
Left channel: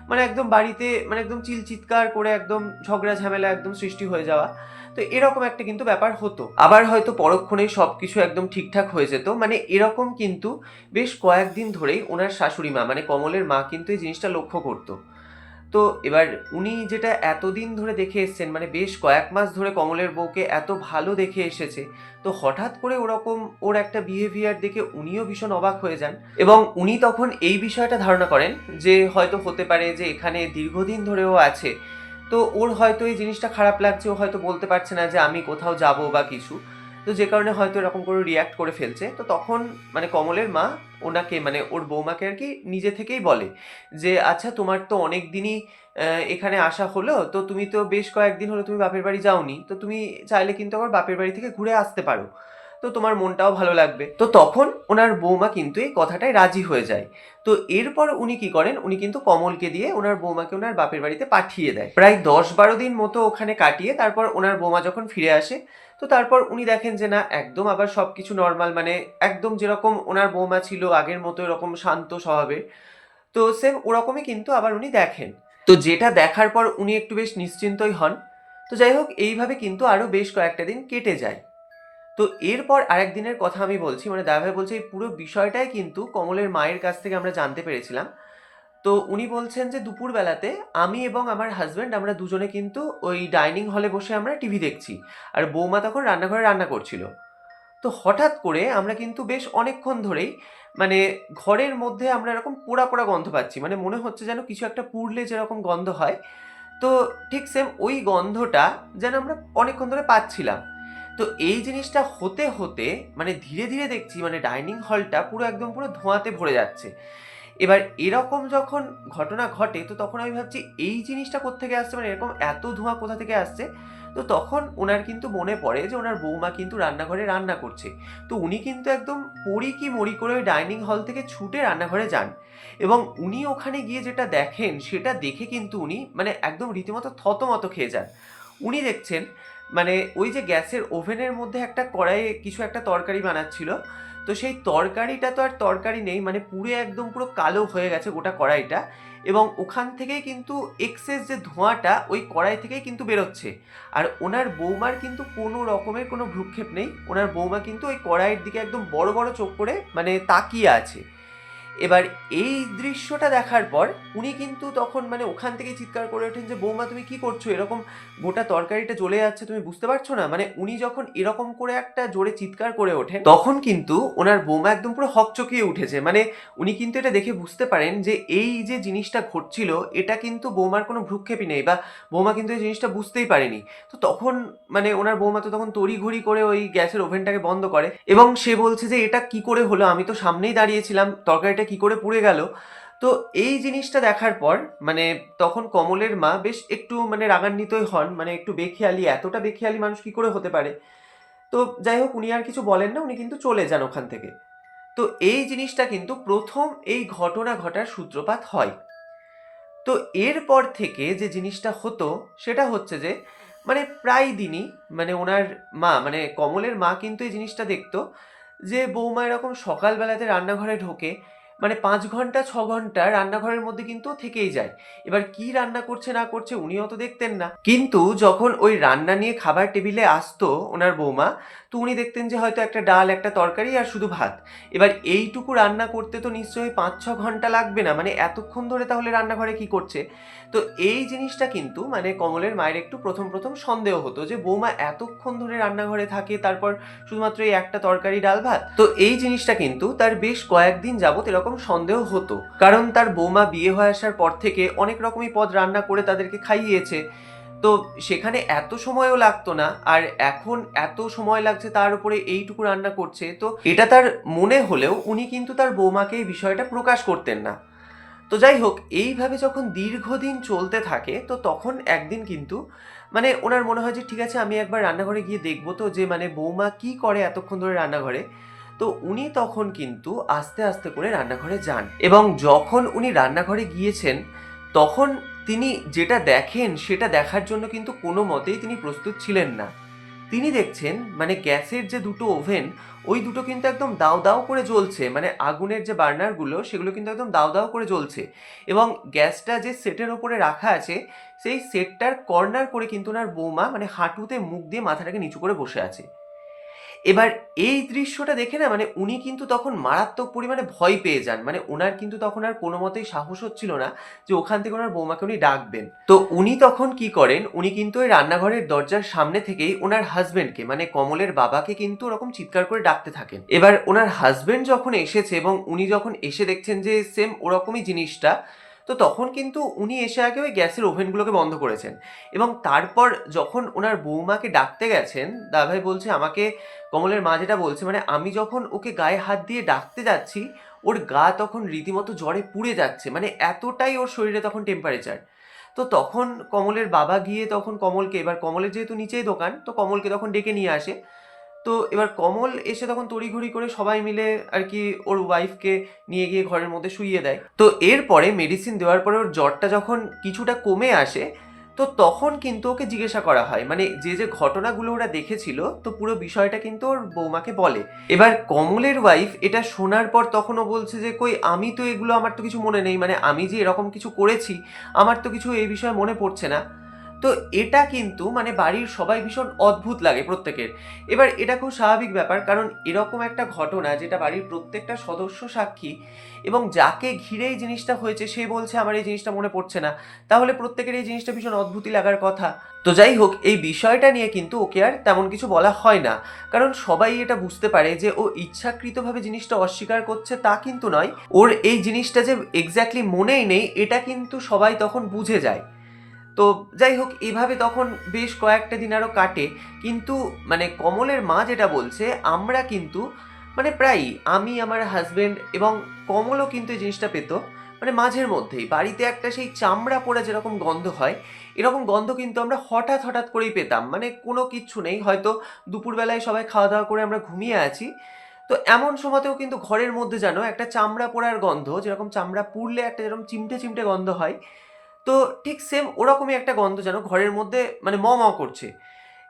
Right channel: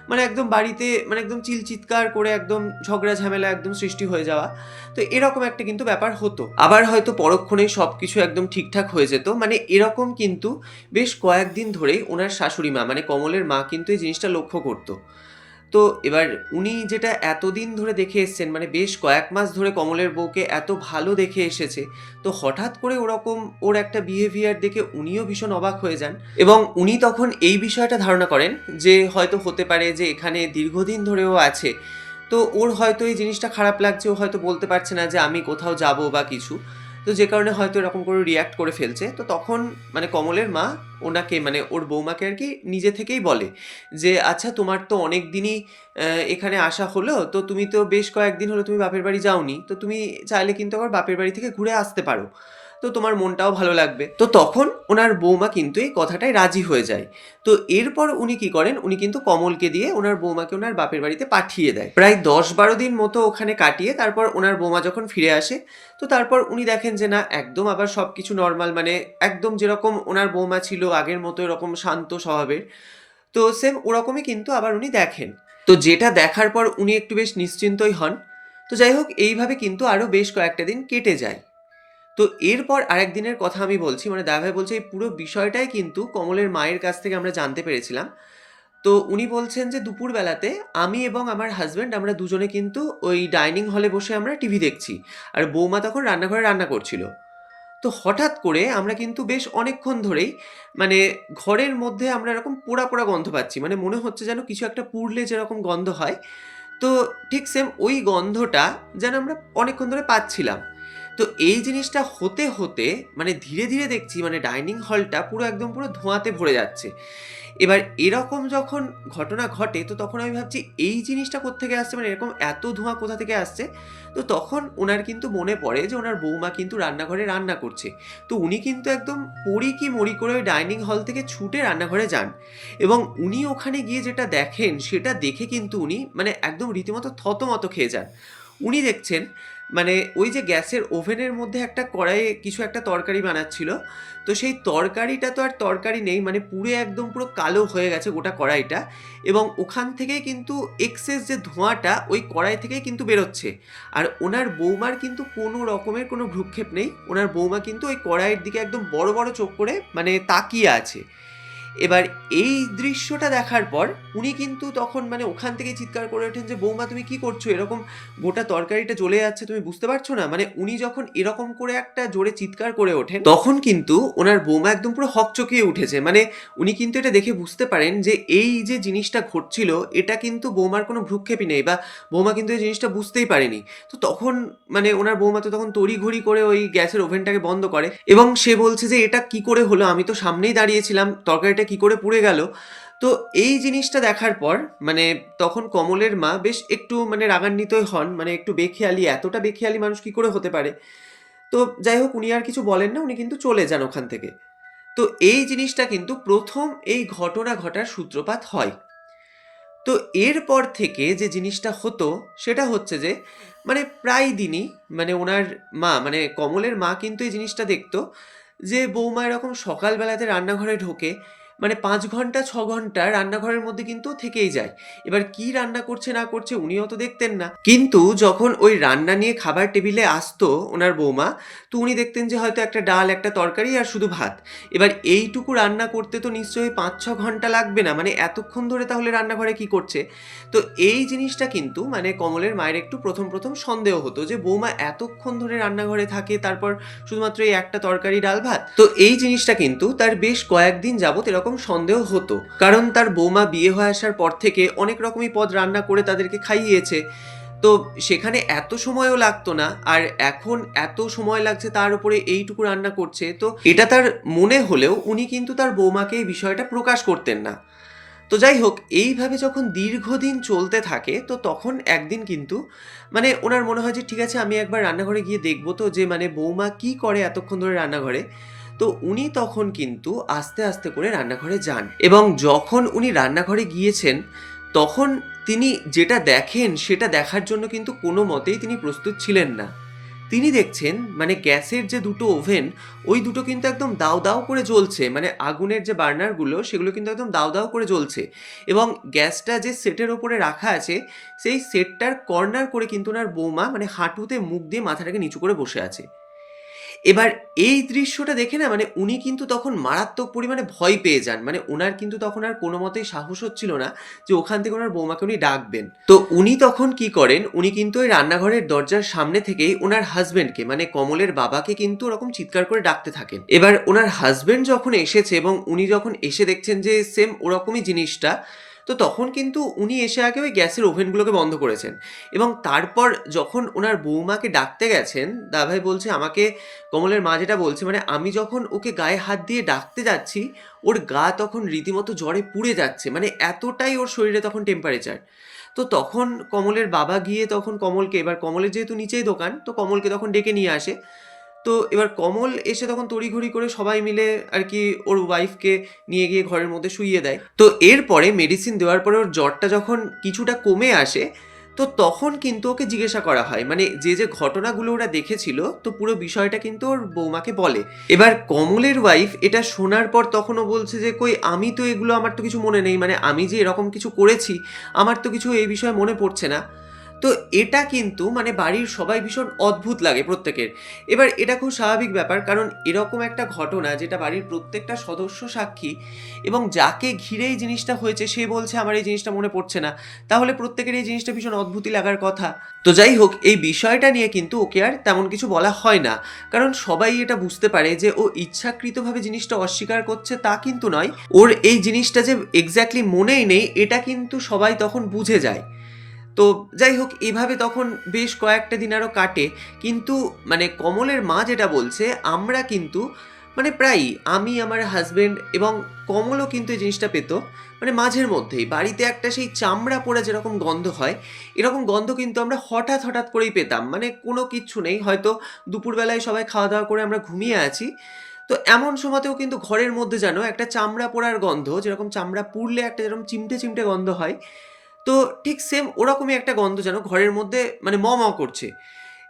Speaker 1: মানে একদম বাড়িতে মানে একদম চিল চিৎকার করে একদম ঝগড়া ঝামেলা একদম সৃষ্টি হয়ে যাওয়া, তো এরকম একটা কিন্তু ব্যাপার হতো। আবার হয়তো পরক্ষণেই সব কিছু একদম ঠিকঠাক হয়ে যেত মানে এরকম কিন্তু বেশ কয়েকদিন ধরেই ওনার শাশুড়ি মা মানে কমলের মা কিন্তু এই জিনিসটা লক্ষ্য করতো। তো এবার উনি যেটা এতদিন ধরে দেখে এসছেন মানে বেশ কয়েক মাস ধরে কমলের বউকে এত ভালো দেখে এসেছে, তো হঠাৎ করে ওরকম ওর একটা বিহেভিয়ার দেখে উনিও ভীষণ অবাক হয়ে যান এবং উনি তখন এই বিষয়টা ধারণা করেন যে হয়তো হতে পারে যে এখানে দীর্ঘদিন ধরেও আছে। তো ওর হয়তো এই জিনিসটা খারাপ লাগছে, ও হয়তো বলতে পারছে না যে আমি কোথাও যাব বা কিছু। তো যে কারণে হয়তো এরকম করে রিয়্যাক্ট করে ফেলছে। তো তখন মানে কমলের মা ওনাকে মানে ওর বৌমাকে আর কি নিজে থেকেই বলে যে আচ্ছা তোমার তো অনেক দিনই এখানে আসা হলো, তো তুমি তো বেশ কয়েকদিন হলো তুমি বাপের বাড়ি যাওনি, তো তুমি চাইলে কিন্তু আবার বাপের বাড়ি থেকে ঘুরে আসতে পারো। তো তোমার মনটাও ভালো লাগবে। তো তখন ওনার বৌমা কিন্তু এই কথাটায় রাজি হয়ে যায়। তো এরপর উনি কি করেন, উনি কিন্তু কমলকে দিয়ে ওনার বৌমাকে ওনার বাপের বাড়িতে পাঠিয়ে দেয়। প্রায় দশ বারো দিন মতো ওখানে কাটিয়ে তারপর ওনার বৌমা যখন ফিরে আসে তো তারপর উনি দেখেন যে না, একদম আবার সব কিছু নর্মাল মানে একদম যেরকম ওনার বৌমা ছিল আগের মতো এরকম শান্ত স্বভাবের। তো সেম ওরকমই কিন্তু আবার উনি দেখেন। তো যেটা দেখার পর উনি একটু বেশ নিশ্চিন্তই হন। তো যাই হোক, এইভাবে কিন্তু আরও বেশ কয়েকটা দিন কেটে যায়। তো এরপর আরেক দিনের কথা আমি বলছি মানে দাদাভাই বলছে, এই পুরো বিষয়টাই কিন্তু কমলের মায়ের কাছ থেকে আমরা জানতে পেরেছিলাম। তো উনি বলছেন যে দুপুরবেলাতে আমি এবং আমার হাজব্যান্ড আমরা দুজনে কিন্তু ওই ডাইনিং হলে বসে আমরা টিভি দেখছি। আর বৌমা তখন রান্নাঘরে রান্না করছিল। তো হঠাৎ করে আমরা কিন্তু বেশ অনেকক্ষণ ধরেই মানে ঘরের মধ্যে আমরা এরকম পোড়া পোড়া গন্ধ পাচ্ছি। মানে মনে হচ্ছে যেন কিছু একটা পুড়লে যেরকম গন্ধ হয়। তো ঠিক সেম ওই গন্ধটা যেন আমরা অনেকক্ষণ ধরে পাচ্ছিলাম। তো এই জিনিসটা হতে হতে মানে ধীরে ধীরে দেখছি মানে ডাইনিং হলটা পুরো একদম পুরো ধোঁয়াতে ভরে যাচ্ছে। এবার এরকম যখন ঘটনা ঘটে, তো তখন আমি ভাবছি, এই জিনিসটা কোত্থেকে আসছে? মানে এরকম এত ধোঁয়া কোথা থেকে আসছে? তো তখন ওনার কিন্তু মনে পড়ে যে ওনার বৌমা কিন্তু রান্নাঘরে রান্না করছে। তো উনি কিন্তু একদম পড়ি কি মরি করে ওই ডাইনিং হল থেকে ছুটে রান্নাঘরে যান। এবং উনি ওখানে গিয়ে যেটা দেখেন, সেটা দেখে কিন্তু উনি মানে একদম রীতিমতো থতমত খেয়ে যান। উনি দেখছেন মানে ওই যে গ্যাসের ওভেনের মধ্যে একটা কড়াইয়ে কিছু একটা তরকারি বানাচ্ছিল। তো সেই তরকারিটা তো আর তরকারি নেই মানে পুরো একদম পুরো কালো হয়ে গেছে গোটা কড়াইটা এবং ওখান থেকেই কিন্তু এক্সেস যে ধোঁয়াটা ওই কড়াই থেকেই কিন্তু বেরোচ্ছে। আর ওনার বৌমার কিন্তু কোনো রকমের কোনো ভ্রুক্ষেপ নেই, ওনার বৌমা কিন্তু ওই কড়াইয়ের দিকে একদম বড় বড় চোখ করে মানে তাকিয়ে আছে। এবার এই দৃশ্যটা দেখার পর উনি কিন্তু তখন মানে ওখান থেকে চিৎকার করে ওঠেন যে, বৌমা, তুমি কি করছ? এরকম গোটা তরকারিটা জ্বলে যাচ্ছে, তুমি বুঝতে পারছ না? মানে উনি যখন এরকম করে একটা জোরে চিৎকার করে ওঠেন, তখন কিন্তু ওনার বৌমা একদম পুরো হকচকিয়ে উঠেছে। মানে উনি কিন্তু এটা দেখে বুঝতে পারেন যে, এই যে জিনিসটা ঘটছিল, এটা কিন্তু বৌমার কোনো ভ্রুক্ষেপই নেই বা বৌমা কিন্তু এই জিনিসটা বুঝতেই পারেনি। তো তখন মানে ওনার বৌমা তো তখন তড়িঘড়ি করে ওই গ্যাসের ওভেনটাকে বন্ধ করে এবং সে বলছে যে, এটা কি করে হলো? আমি তো সামনেই দাঁড়িয়েছিলাম, তরকারিটা কি করে পুড়ে গেল? তো এই জিনিসটা দেখার পর মানে তখন কমলের মা বেশ একটু মানে রাগান্বিতই হন মানে একটু বেখেয়ালি, এতটা বেখেয়ালি মানুষ কি করে হতে পারে? তো যাই হোক, উনি আর কিছু বলেন না, উনি কিন্তু চলে যান ওখান থেকে। তো এই জিনিসটা কিন্তু প্রথম এই ঘটনা ঘটার সূত্রপাত হয়। তো এরপর থেকে যে জিনিসটা হতো, সেটা হচ্ছে যে মানে প্রায় দিনই মানে ওনার মা মানে কমলের মা কিন্তু এই জিনিসটা দেখতো যে, বৌমা এরকম সকালবেলাতে রান্নাঘরে ঢোকে মানে পাঁচ ঘণ্টা, ছ ঘণ্টা রান্নাঘরের মধ্যে কিন্তু থেকেই যায়। এবার কি রান্না করছে, না করছে উনিও তো দেখতেন না। কিন্তু যখন ওই রান্না নিয়ে খাবার টেবিলে আসতো ওনার বৌমা, তো উনি দেখতেন যে হয়তো একটা ডাল, একটা তরকারি আর শুধু ভাত। এবার এইটুকু রান্না করতে তো নিশ্চয়ই পাঁচ, ছ ঘণ্টা লাগবে না। মানে এতক্ষণ ধরে তাহলে রান্নাঘরে কি করছে? তো এই জিনিসটা কিন্তু মানে কমলের মায়ের একটু প্রথম প্রথম সন্দেহ হতো যে বৌমা এতক্ষণ ধরে রান্নাঘরে থাকে, তারপর শুধুমাত্র এই একটা তরকারি, ডাল, ভাত। তো এই জিনিসটা কিন্তু তার বেশ কয়েকদিন যাবত এরকম সন্দেহ হতো। কারণ তার বৌমা বিয়ে হয়ে আসার পর থেকে অনেক রকমই পদ রান্না করে তাদেরকে খাইয়েছে। তো সেখানে এত সময়ও লাগতো না আর এখন এত সময় লাগছে তার উপরে এইটুকু রান্না করছে। তো এটা তার মনে হলেও উনি কিন্তু তার বৌমাকে এই বিষয়টা প্রকাশ করতেন না। তো যাই হোক, এইভাবে যখন দীর্ঘদিন চলতে থাকে, তো তখন একদিন কিন্তু মানে ওনার মনে হয় যে, ঠিক আছে, আমি একবার রান্নাঘরে গিয়ে দেখব তো যে মানে বৌমা কি করে এতক্ষণ ধরে রান্নাঘরে? তো উনি তখন কিন্তু আস্তে আস্তে করে রান্নাঘরে যান এবং যখন উনি রান্নাঘরে গিয়েছেন, তখন তিনি যেটা দেখেন সেটা দেখার জন্য কিন্তু কোনো মতেই তিনি প্রস্তুত ছিলেন না। তিনি দেখছেন মানে গ্যাসের যে দুটো ওভেন, ওই দুটো কিন্তু একদম দাও দাও করে জ্বলছে মানে আগুনের যে বার্নারগুলো সেগুলো কিন্তু একদম দাও দাও করে জ্বলছে এবং গ্যাসটা যে সেটের ওপরে রাখা আছে, সেই সেটটার কর্নার করে কিন্তু ওনার বৌমা মানে হাঁটুতে মুখ দিয়ে মাথাটাকে নিচু করে বসে আছে। এবার এই দৃশ্যটা দেখে না মানে উনি কিন্তু তখন মারাত্মক পরিমাণে ভয় পেয়ে যান। মানে ওনার কিন্তু তখন আর কোনো মতেই সাহস হচ্ছিল না যে ওখান থেকে ওনার বৌমাকে উনি ডাকবেন। তো উনি তখন কি করেন, উনি কিন্তু ওই রান্নাঘরের দরজার সামনে থেকেই ওনার হাজবেন্ডকে মানে কমলের বাবাকে কিন্তু ওরকম চিৎকার করে ডাকতে থাকেন। এবার ওনার হাজবেন্ড যখন এসেছে এবং উনি যখন এসে দেখছেন যে সেম ওরকমই জিনিসটা তো তখন কিন্তু উনি এসে আগে ওই গ্যাসের ওভেনগুলোকে বন্ধ করেছেন। এবং তারপর যখন ওনার বৌমাকে ডাকতে গেছেন দাভাই বলছে, আমাকে কমলের মা যেটা বলছে মানে আমি যখন ওকে গায়ে হাত দিয়ে ডাকতে যাচ্ছি, ওর গা তখন রীতিমতো জ্বরে পুড়ে যাচ্ছে মানে এতটাই ওর শরীরে তখন টেম্পারেচার তো তখন কমলের বাবা গিয়ে তখন কমলকে, এবার কমলের যেহেতু নিচেই দোকান, তো কমলকে তখন ডেকে নিয়ে আসে। তো এবার কমল এসে তখন তড়িঘড়ি করে সবাই মিলে আর কি ওর ওয়াইফকে নিয়ে গিয়ে ঘরের মধ্যে শুইয়ে দেয়। তো এরপরে মেডিসিন দেওয়ার পরে ওর জ্বরটা যখন কিছুটা কমে আসে, তো তখন কিন্তু ওকে জিজ্ঞাসা করা হয়। মানে যে যে ঘটনাগুলো ওরা দেখেছিল, তো পুরো বিষয়টা কিন্তু ওর বৌমাকে বলে। এবার কমলের ওয়াইফ এটা শোনার পর তখনও বলছে যে, কই, আমি তো এগুলো আমার তো কিছু মনে নেই। মানে আমি যে এরকম কিছু করেছি, আমার তো কিছু এই বিষয়ে মনে পড়ছে না। তো এটা কিন্তু মানে বাড়ির সবাই ভীষণ অদ্ভুত লাগে প্রত্যেকের। এবার এটা খুব স্বাভাবিক ব্যাপার, কারণ এরকম একটা ঘটনা যেটা বাড়ির প্রত্যেকটা সদস্য সাক্ষী এবং যাকে ঘিরে এই জিনিসটা হয়েছে, সে বলছে, আমার এই জিনিসটা মনে পড়ছে না। তাহলে প্রত্যেকের এই জিনিসটা ভীষণ অদ্ভুতই লাগার কথা। তো যাই হোক, এই বিষয়টা নিয়ে কিন্তু ওকে আর তেমন কিছু বলা হয় না। কারণ সবাই এটা বুঝতে পারে যে ও ইচ্ছাকৃতভাবে জিনিসটা অস্বীকার করছে তা কিন্তু নয়। ওর এই জিনিসটা যে এক্স্যাক্টলি মনেই নেই, এটা কিন্তু সবাই তখন বুঝে যায়। তো যাই হোক, এভাবে তখন বেশ কয়েকটা দিন আরও কাটে। কিন্তু মানে কমলের মা যেটা বলছে, আমরা কিন্তু মানে প্রায়ই আমি, আমার হাজব্যান্ড এবং কমলও কিন্তু এই জিনিসটা পেত মানে মাঝের মধ্যেই। বাড়িতে একটা সেই চামড়া পড়ে যেরকম গন্ধ হয়, এরকম গন্ধ কিন্তু আমরা হঠাৎ হঠাৎ করেই পেতাম। মানে কোনো কিচ্ছু নেই, হয়তো দুপুরবেলায় সবাই খাওয়া দাওয়া করে আমরা ঘুমিয়ে আছি। তো এমন সময়তেও কিন্তু ঘরের মধ্যে যেন একটা চামড়া পোড়ার গন্ধ, যেরকম চামড়া পুড়লে একটা যেরকম চিমটে চিমটে গন্ধ হয় তো ঠিক সেম ওরকমই একটা গন্ধ যেন ঘরের মধ্যে মানে ম করছে।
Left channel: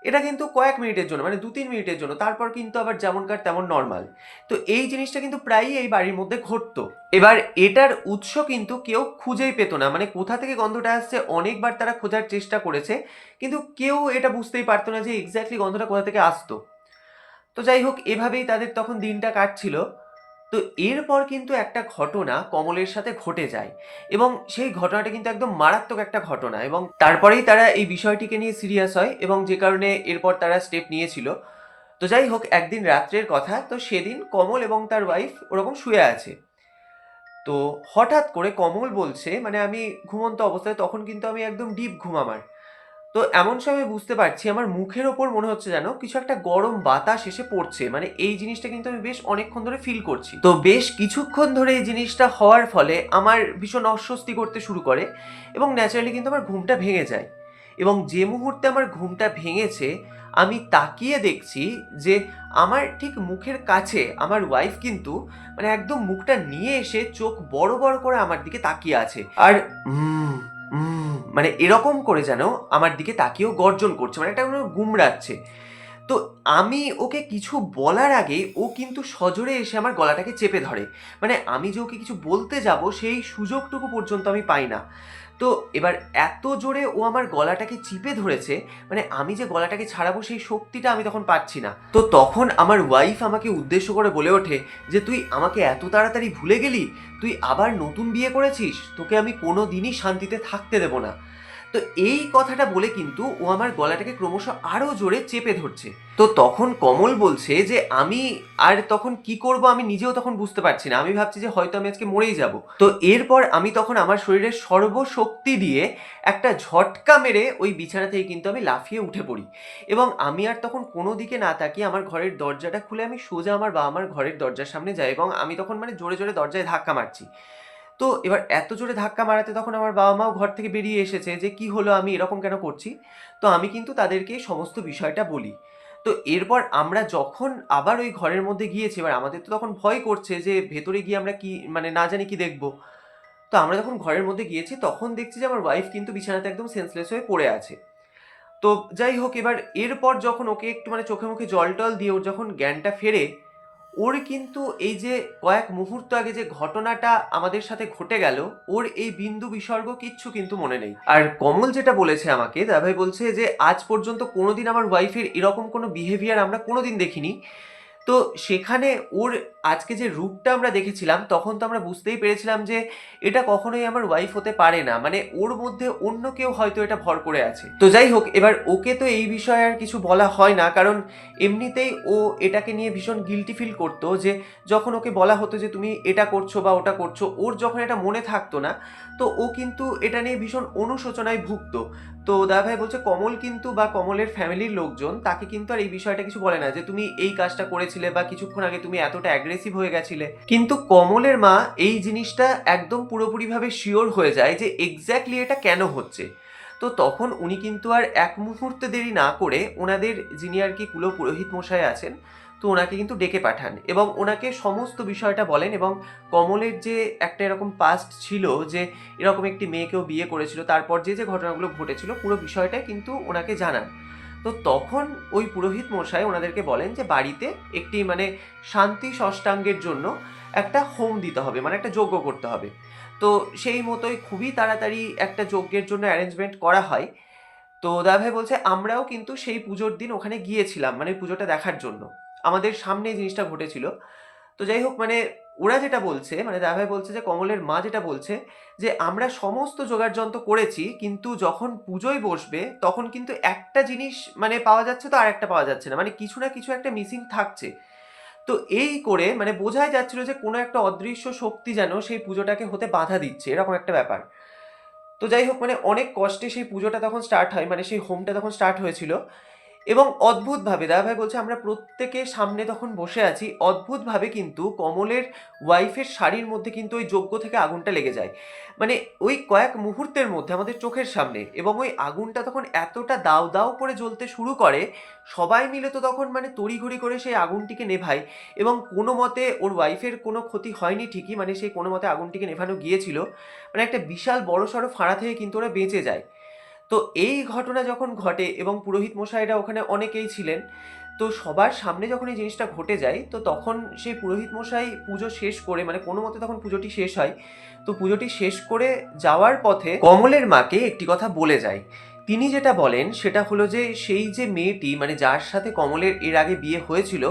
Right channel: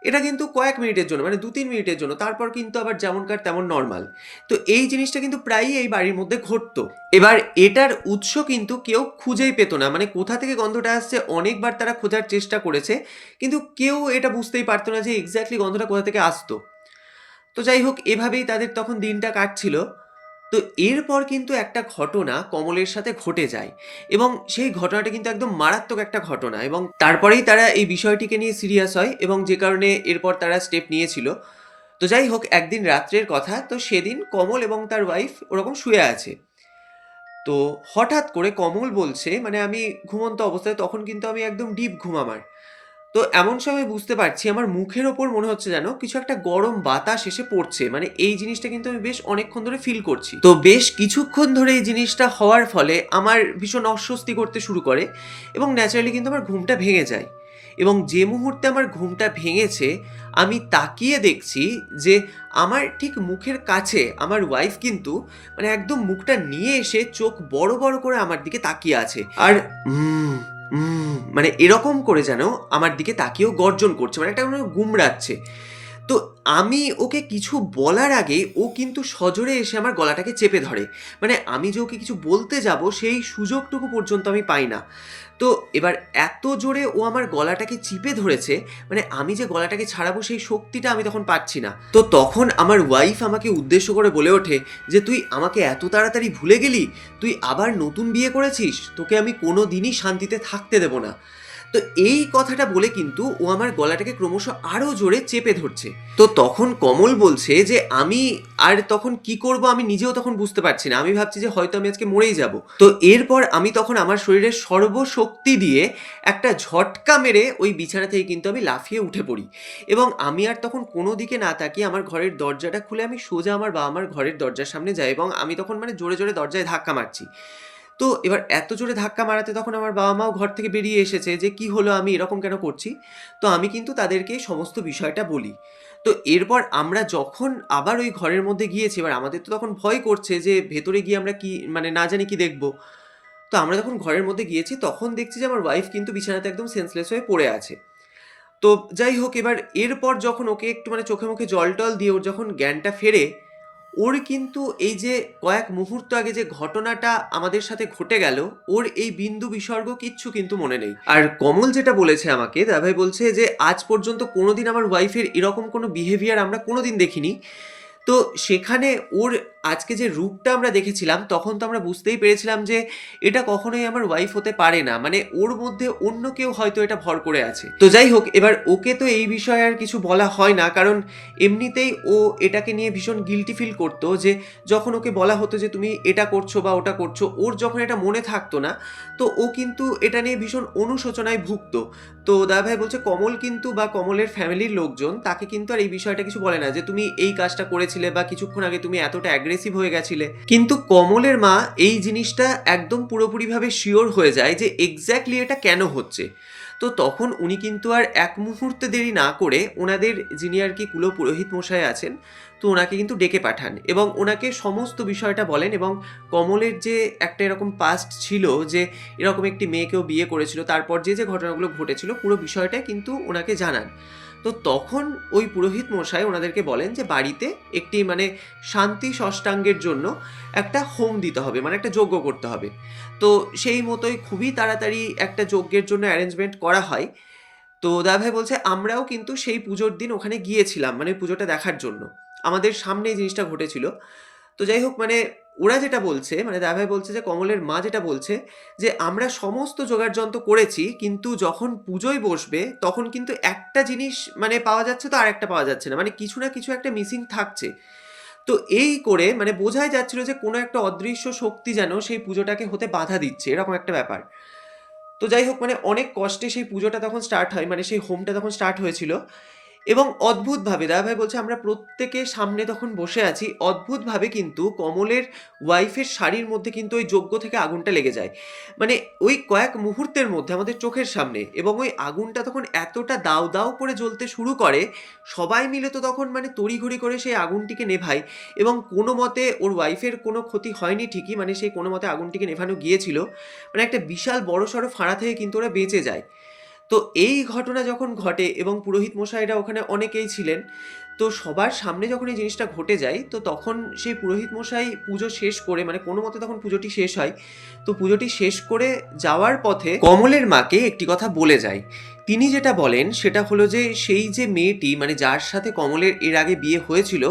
Speaker 1: এটা কিন্তু কয়েক মিনিটের জন্য মানে দু তিন মিনিটের জন্য। তারপর কিন্তু আবার যেমনকার তেমন নর্মাল তো এই জিনিসটা কিন্তু প্রায়ই এই বাড়ির মধ্যে ঘটতো। এবার এটার উৎস কিন্তু কেউ খুঁজেই পেত না। মানে কোথা থেকে গন্ধটা আসছে, অনেকবার তারা খোঁজার চেষ্টা করেছে, কিন্তু কেউ এটা বুঝতেই পারতো না যে এক্স্যাক্টলি গন্ধটা কোথা থেকে আসতো। তো যাই হোক, এভাবেই তাদের তখন দিনটা কাটছিল। তো এরপর কিন্তু একটা ঘটনা কমলের সাথে ঘটে যায় এবং সেই ঘটনাটা কিন্তু একদম মারাত্মক একটা ঘটনা এবং তারপরেই তারা এই বিষয়টিকে নিয়ে সিরিয়াস হয় এবং যে কারণে এরপর তারা স্টেপ নিয়েছিল। তো যাই হোক, একদিন রাত্রের কথা, তো সেদিন কমল এবং তার ওয়াইফ ওরকম শুয়ে আছে। তো হঠাৎ করে কমল বলছে মানে আমি ঘুমন্ত অবস্থায়, তখন কিন্তু আমি একদম ডিপ ঘুম আমার। তো এমন সময় বুঝতে পারছি, আমার মুখের ওপর মনে হচ্ছে যেন কিছু একটা গরম বাতাস এসে পড়ছে। মানে এই জিনিসটা কিন্তু আমি বেশ অনেকক্ষণ ধরে ফিল করছি। তো বেশ কিছুক্ষণ ধরে এই জিনিসটা হওয়ার ফলে আমার ভীষণ অস্বস্তি করতে শুরু করে এবং ন্যাচারালি কিন্তু আমার ঘুমটা ভেঙে যায়। এবং যে মুহূর্তে আমার ঘুমটা ভেঙেছে, আমি তাকিয়ে দেখছি যে আমার ঠিক মুখের কাছে আমার ওয়াইফ কিন্তু মানে একদম মুখটা নিয়ে এসে চোখ বড় বড় করে আমার দিকে তাকিয়ে আছে। আর মানে এরকম করে যেন আমার দিকে তাকিয়েও গর্জন করছে মানে একটা যেন গুমড়াচ্ছে। তো আমি ওকে কিছু বলার আগে ও কিন্তু সজোরে এসে আমার গলাটাকে চেপে ধরে। মানে আমি যে ওকে কিছু বলতে যাব, সেই সুযোগটুকু পর্যন্ত আমি পাই না। তো এবার এত জোরে ও আমার গলাটাকে চিপে ধরেছে মানে আমি যে গলাটাকে ছাড়াবো সেই শক্তিটা আমি তখন পাচ্ছি না। তো তখন আমার ওয়াইফ আমাকে উদ্দেশ্য করে বলে ওঠে যে, তুই আমাকে এত তাড়াতাড়ি ভুলে গেলি? তুই আবার নতুন বিয়ে করেছিস? তোকে আমি কোনো দিনই শান্তিতে থাকতে দেবো না। তো এই কথাটা বলে কিন্তু ও আমার গলাটাকে ক্রমশ আরও জোরে চেপে ধরছে। তো তখন কমল বলছে যে, আমি আর তখন কি করব আমি নিজেও তখন বুঝতে পারছি না। আমি ভাবছি যে হয়তো আমি আজকে মরেই যাব। তো এরপর আমি তখন আমার শরীরের সর্বশক্তি দিয়ে একটা ঝটকা মেরে ওই বিছানা থেকে কিন্তু আমি লাফিয়ে উঠে পড়ি। এবং আমি আর তখন কোনো দিকে না তাকিয়ে আমার ঘরের দরজাটা খুলে আমি সোজা আমার বাবা মার ঘরের দরজার সামনে যাই এবং আমি তখন মানে জোরে জোরে দরজায় ধাক্কা মারছি। তো এবার এত জোরে ধাক্কা মারাতে তখন আমার বাবা মাও ঘর থেকে বেরিয়ে এসেছে যে, কি হলো? আমি এরকম কেন করছি? তো আমি কিন্তু তাদেরকে সমস্ত বিষয়টা বলি। তো এরপর আমরা যখন আবার ওই ঘরের মধ্যে গিয়েছি, এবার আমাদের তো তখন ভয় করছে যে, ভেতরে গিয়ে আমরা কি মানে না জানি কি দেখব। তো আমরা যখন ঘরের মধ্যে গিয়েছি, তখন দেখছি যে, আমার ওয়াইফ কিন্তু বিছানাতে একদম সেন্সলেস হয়ে পড়ে আছে। তো যাই হোক, এবার এরপর যখন ওকে একটু মানে চোখে মুখে জল টল দিয়ে ওর যখন জ্ঞানটা ফেরে ওর কিন্তু এই যে কয়েক মুহূর্ত আগে যে ঘটনাটা আমাদের সাথে ঘটে গেল, ওর এই বিন্দু বিসর্গ কিচ্ছু কিন্তু মনে নেই। আর কমল যেটা বলেছে আমাকে, দাদাভাই বলছে যে, আজ পর্যন্ত কোনোদিন আমার ওয়াইফের এরকম কোনো বিহেভিয়ার আমরা কোনোদিন দেখিনি। তো সেখানে ওর আজকে যে রূপটা আমরা দেখেছিলাম, তখন তো আমরা বুঝতেই পেরেছিলাম যে এটা কখনোই আমার ওয়াইফ হতে পারে না। মানে ওর মধ্যে অন্য কেউ হয়তো এটা ভর করে আছে। তো যাই হোক, এবার ওকে তো এই বিষয়ে আর কিছু বলা হয় না, কারণ এমনিতেই ও এটাকে নিয়ে ভীষণ গিলটি ফিল করতো যে যখন ওকে বলা হতো যে তুমি এটা করছ বা ওটা করছ, ওর যখন এটা মনে থাকতো না, তো ও কিন্তু এটা নিয়ে ভীষণ অনুশোচনায় ভুগতো। তো দাদাভাই বলছে, কমল কিন্তু বা কমলের ফ্যামিলির লোকজন, তাকে কিন্তু আর এই বিষয়টা কিছু বলে না যে তুমি এই কাজটা করেছিলে বা কিছুক্ষণ আগে তুমি এতটা অ্যাগ্রেসিভ হয়ে গেছিলে। কিন্তু কমলের মা এই জিনিসটা একদম পুরোপুরিভাবে শিওর হয়ে যায় যে এক্স্যাক্টলি এটা কেন হচ্ছে। তো তখন উনি কিন্তু আর এক মুহূর্তে দেরি না করে ওনাদের যিনি আর কি কুলো পুরোহিত মশাই আছেন, তো ওনাকে কিন্তু ডেকে পাঠান এবং ওনাকে সমস্ত বিষয়টা বলেন এবং কমলের যে একটা এরকম পাস্ট ছিল যে এরকম একটি মেয়েকেও বিয়ে করেছিল, তারপর যে যে ঘটনাগুলো ঘটেছিল, পুরো বিষয়টা কিন্তু ওনাকে জানান। তো তখন ওই পুরোহিত মশাই ওনাদেরকে বলেন যে বাড়িতে একটি মানে শান্তি ষষ্ঠাঙ্গের জন্য একটা হোম দিতে হবে মানে একটা যজ্ঞ করতে হবে। তো সেই মতোই খুবই তাড়াতাড়ি একটা যজ্ঞের জন্য অ্যারেঞ্জমেন্ট করা হয়। তো দাদাভাই বলছে, আমরাও কিন্তু সেই পুজোর দিন ওখানে গিয়েছিলাম মানে পুজোটা দেখার জন্য। আমাদের সামনে এই জিনিসটা ঘটেছিল। তো যাই হোক মানে ওরা যেটা বলছে মানে দাদাভাই বলছে যে, কমলের মা যেটা বলছে যে, আমরা সমস্ত জোগাড় যন্ত্র করেছি, কিন্তু যখন পুজোয় বসবে, তখন কিন্তু একটা জিনিস মানে পাওয়া যাচ্ছে তো আর একটা পাওয়া যাচ্ছে না। মানে কিছু না কিছু একটা মিসিং থাকছে। তো এই করে মানে বোঝাই যাচ্ছিল যে, কোনো একটা অদৃশ্য শক্তি যেন সেই পুজোটাকে হতে বাধা দিচ্ছে, এরকম একটা ব্যাপার। তো যাই হোক মানে অনেক কষ্টে সেই পুজোটা তখন স্টার্ট হয় মানে সেই হোমটা তখন স্টার্ট হয়েছিল। এবং অদ্ভুতভাবে দাদাভাই বলছে, আমরা প্রত্যেকে সামনে তখন বসে আছি, অদ্ভুতভাবে কিন্তু কমলের ওয়াইফের শাড়ির মধ্যে কিন্তু ওই যজ্ঞ থেকে আগুনটা লেগে যায়। মানে ওই কয়েক মুহূর্তের মধ্যে আমাদের চোখের সামনে এবং ওই আগুনটা তখন এতটা দাউ দাউ করে জ্বলতে শুরু করে, সবাই মিলে তো তখন মানে তড়িঘড়ি করে সেই আগুনটিকে নেভায় এবং কোনো মতে ওর ওয়াইফের কোনো ক্ষতি হয়নি ঠিকই মানে সেই কোনো মতে আগুনটিকে নেভানো গিয়েছিল। মানে একটা বিশাল বড়সড় ফাঁড়া থেকে কিন্তু ওরা বেঁচে যায়। তো এই ঘটনা যখন ঘটে এবং পুরোহিত মশাইরা ওখানে অনেকেই ছিলেন, তো সবার সামনে যখন এই জিনিসটা ঘটে যায়, তো তখন সেই পুরোহিত মশাই পুজো শেষ করে মানে কোনো মতে তখন পুজোটি শেষ হয়, তো পুজোটি শেষ করে যাওয়ার পথে কমলের মাকে একটি কথা বলে যায়। তিনি যেটা বলেন সেটা হলো যে, সেই যে মেয়েটি মানে যার সাথে কমলের এর আগে বিয়ে হয়েছিল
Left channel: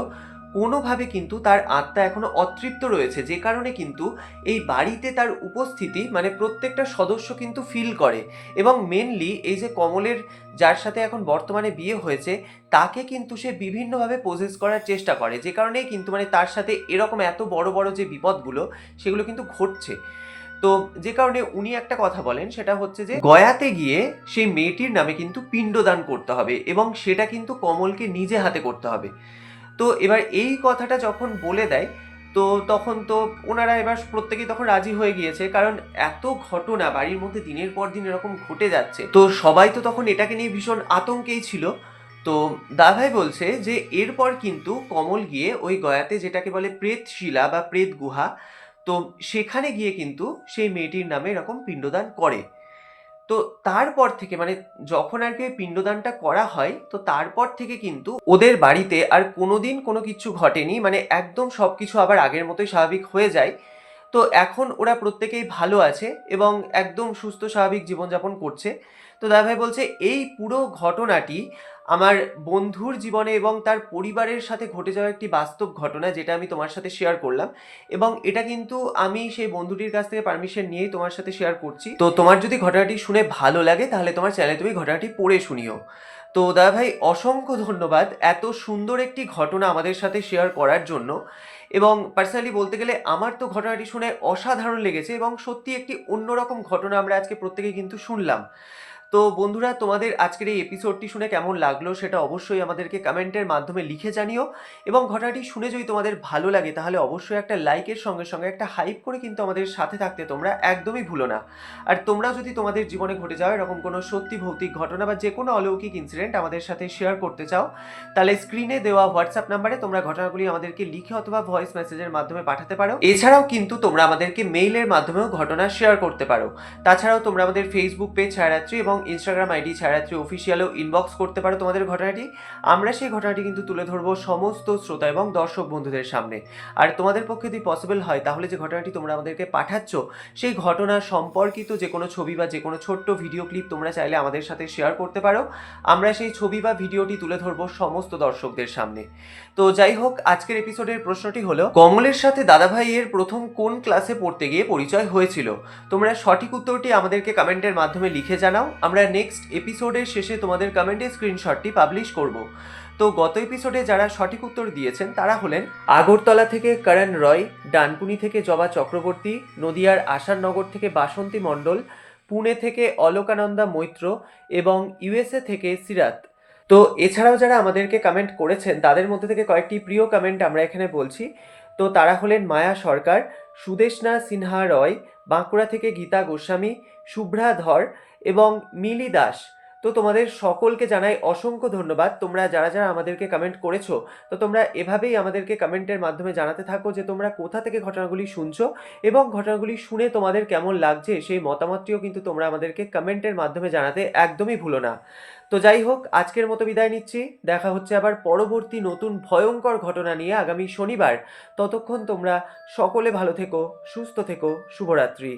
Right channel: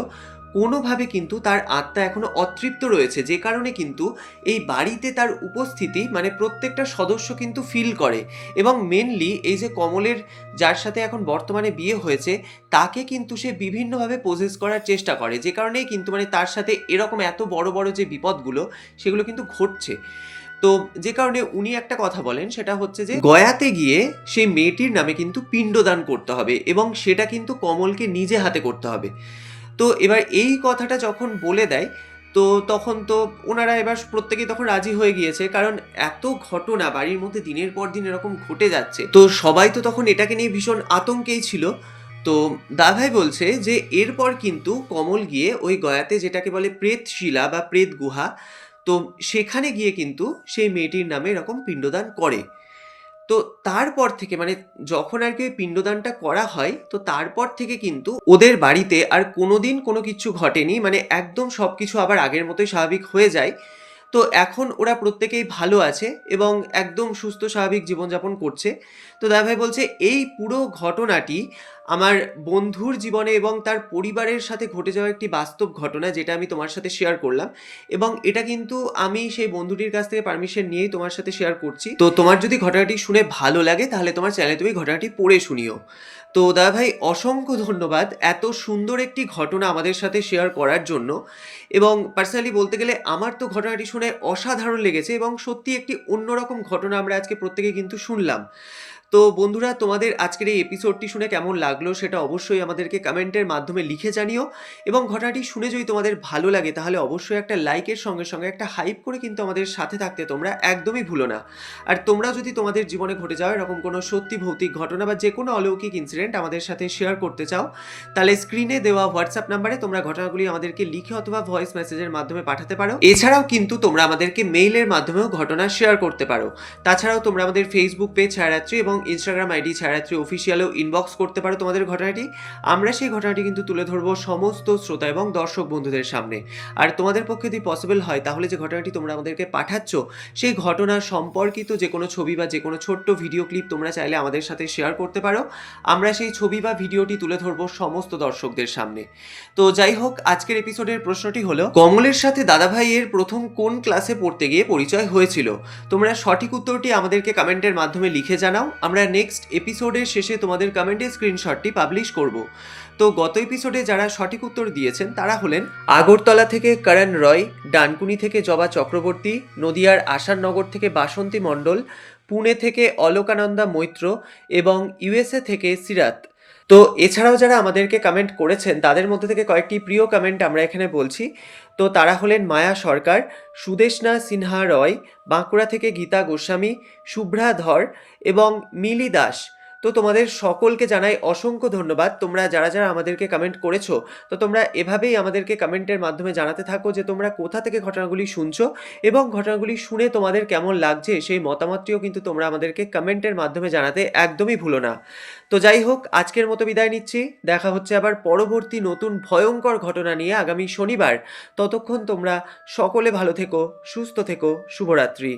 Speaker 1: কোনোভাবে কিন্তু তার আত্মা এখনও অতৃপ্ত রয়েছে, যে কারণে কিন্তু এই বাড়িতে তার উপস্থিতি মানে প্রত্যেকটা সদস্য কিন্তু ফিল করে। এবং মেনলি এই যে কমলের যার সাথে এখন বর্তমানে বিয়ে হয়েছে, তাকে কিন্তু সে বিভিন্নভাবে পোজেস করার চেষ্টা করে, যে কারণেই কিন্তু মানে তার সাথে এরকম এত বড় বড় যে বিপদগুলো, সেগুলো কিন্তু ঘটছে। তো যে কারণে উনি একটা কথা বলেন, সেটা হচ্ছে যে গয়াতে গিয়ে সেই মেয়েটির নামে কিন্তু পিণ্ডদান করতে হবে এবং সেটা কিন্তু কমলকে নিজে হাতে করতে হবে। তো এবার এই কথাটা যখন বলে দেয়, তো তখন তো ওনারা এবার প্রত্যেকেই তখন রাজি হয়ে গিয়েছে। কারণ এত ঘটনা, বাড়ির মধ্যে দিনের পর দিন এরকম ঘটে যাচ্ছে। তো সবাই তো তখন এটাকে নিয়ে ভীষণ আতঙ্কেই ছিল। তো দাভাই বলছে যে, এরপর কিন্তু কমল গিয়ে ওই গয়াতে যেটাকে বলে প্রেত শিলা বা প্রেত গুহা তো সেখানে গিয়ে কিন্তু সেই মেয়েটির নামে এরকম পিণ্ডদান করে। তো তারপর থেকে মানে যখন আর কি পিণ্ডদানটা করা হয়, তো তারপর থেকে কিন্তু ওদের বাড়িতে আর কোনোদিন কোনো কিছু ঘটেনি। মানে একদম সব কিছু আবার আগের মতোই স্বাভাবিক হয়ে যায়। তো এখন ওরা প্রত্যেকেই ভালো আছে এবং একদম সুস্থ, স্বাভাবিক জীবনযাপন করছে। তো দাদাভাই বলছে, এই পুরো ঘটনাটি আমার বন্ধুর জীবনে এবং তার পরিবারের সাথে ঘটে যাওয়া একটি বাস্তব ঘটনা যেটা আমি তোমার সাথে শেয়ার করলাম এবং এটা কিন্তু আমি সেই বন্ধুটির কাছ থেকে পারমিশন নিয়েই তোমার সাথে শেয়ার করছি। তো তোমার যদি ঘটনাটি শুনে ভালো লাগে তাহলে তোমার চ্যানেলে তুমি ঘটনাটি পড়ে শুনিও। তো দা ভাই অসংখ্য ধন্যবাদ এত সুন্দর একটি ঘটনা আমাদের সাথে শেয়ার করার জন্য। এবং পার্সোনালি বলতে গেলে আমার তো ঘটনাটি শুনে অসাধারণ লেগেছে এবং সত্যি একটি অন্যরকম ঘটনা আমরা আজকে প্রত্যেকে কিন্তু শুনলাম। তো বন্ধুরা, তোমাদের আজকের এই এপিসোডটি শুনে কেমন লাগল সেটা অবশ্যই আমাদেরকে কমেন্টের মাধ্যমে লিখে জানিও এবং ঘটনাটি শুনে যদি তোমাদের ভালো লাগে তাহলে অবশ্যই একটা লাইকের সঙ্গে সঙ্গে একটা হাইপ করে কিন্তু আমাদের সাথে থাকতে তোমরা একদমই ভুলো না। আর তোমরা যদি তোমাদের জীবনে ঘটে যাওয়া এরকম কোনো সত্যি ভৌতিক ঘটনা বা যে কোনো অলৌকিক ইনসিডেন্ট আমাদের সাথে শেয়ার করতে চাও, তাহলে স্ক্রিনে দেওয়া হোয়াটসঅ্যাপ নাম্বারে তোমরা ঘটনাগুলি আমাদেরকে লিখে অথবা ভয়েস মেসেজের মাধ্যমে পাঠাতে পারো। এছাড়াও কিন্তু তোমরা আমাদেরকে মেইলের মাধ্যমেও ঘটনা শেয়ার করতে পারো। তাছাড়াও তোমরা আমাদের ফেসবুক পেজ ছায়ারাত্রি এবং ইনস্টাগ্রাম আইডি ছায়ারাত্রি অফিসিয়ালেও ইনবক্স করতে পারো তোমাদের ঘটনাটি। আমরা সেই ঘটনাটি কিন্তু তুলে ধরবো সমস্ত শ্রোতা এবং দর্শক বন্ধুদের সামনে। আর তোমাদের পক্ষে যদি পসিবল হয়, তাহলে যে ঘটনাটি তোমরা আমাদেরকে পাঠাচ্ছ, সেই ঘটনা সম্পর্কিত যে কোনো ছবি বা যে কোনো ছোট্ট ভিডিও ক্লিপ তোমরা চাইলে আমাদের সাথে শেয়ার করতে পারো। আমরা সেই ছবি বা ভিডিওটি তুলে ধরবো সমস্ত দর্শকদের সামনে। তো যাই হোক, আজকের এপিসোডের প্রশ্নটি হলো, কমলের সাথে দাদাভাইয়ের প্রথম কোন ক্লাসে পড়তে গিয়ে পরিচয় হয়েছিল? তোমরা সঠিক উত্তরটি আমাদেরকে কমেন্টের মাধ্যমে লিখে জানাও। আমরা নেক্সট এপিসোডের শেষে তোমাদের কমেন্টের স্ক্রিনশটটি পাবলিশ করব। তো গত এপিসোডে যারা সঠিক উত্তর দিয়েছেন, তারা হলেন আগরতলা থেকে করণ রয়, ডানকুনি থেকে জবা চক্রবর্তী, নদিয়ার আশারনগর থেকে বাসন্তী মণ্ডল, পুনে থেকে অলোকানন্দা মৈত্র এবং ইউএসএ থেকে সিরাত। তো এছাড়াও যারা আমাদেরকে কমেন্ট করেছেন, তাদের মধ্যে থেকে কয়েকটি প্রিয় কমেন্ট আমরা এখানে বলছি। তো তারা হলেন মায়া সরকার সুদেশনা সিনহা রয়, বাঁকুড়া থেকে গীতা গোস্বামী শুভ্রা ধর এবং মিলি দাস। তো তোমাদের সকলকে জানাই অসংখ্য ধন্যবাদ। তোমরা যারা যারা আমাদেরকে কমেন্ট করেছ, তো তোমরা এভাবেই আমাদেরকে কমেন্টের মাধ্যমে জানাতে থাকো যে তোমরা কোথা থেকে ঘটনাগুলি শুনছো এবং ঘটনাগুলি শুনে তোমাদের কেমন লাগছে সেই মতামতটিও কিন্তু তোমরা আমাদেরকে কমেন্টের মাধ্যমে জানাতে একদমই ভুলো না। তো যাই হোক, আজকের মতো বিদায় নিচ্ছি। দেখা হচ্ছে আবার পরবর্তী নতুন ভয়ঙ্কর ঘটনা নিয়ে আগামী শনিবার। ততক্ষণ তোমরা সকলে ভালো থেকো, সুস্থ থেকো, শুভরাত্রি।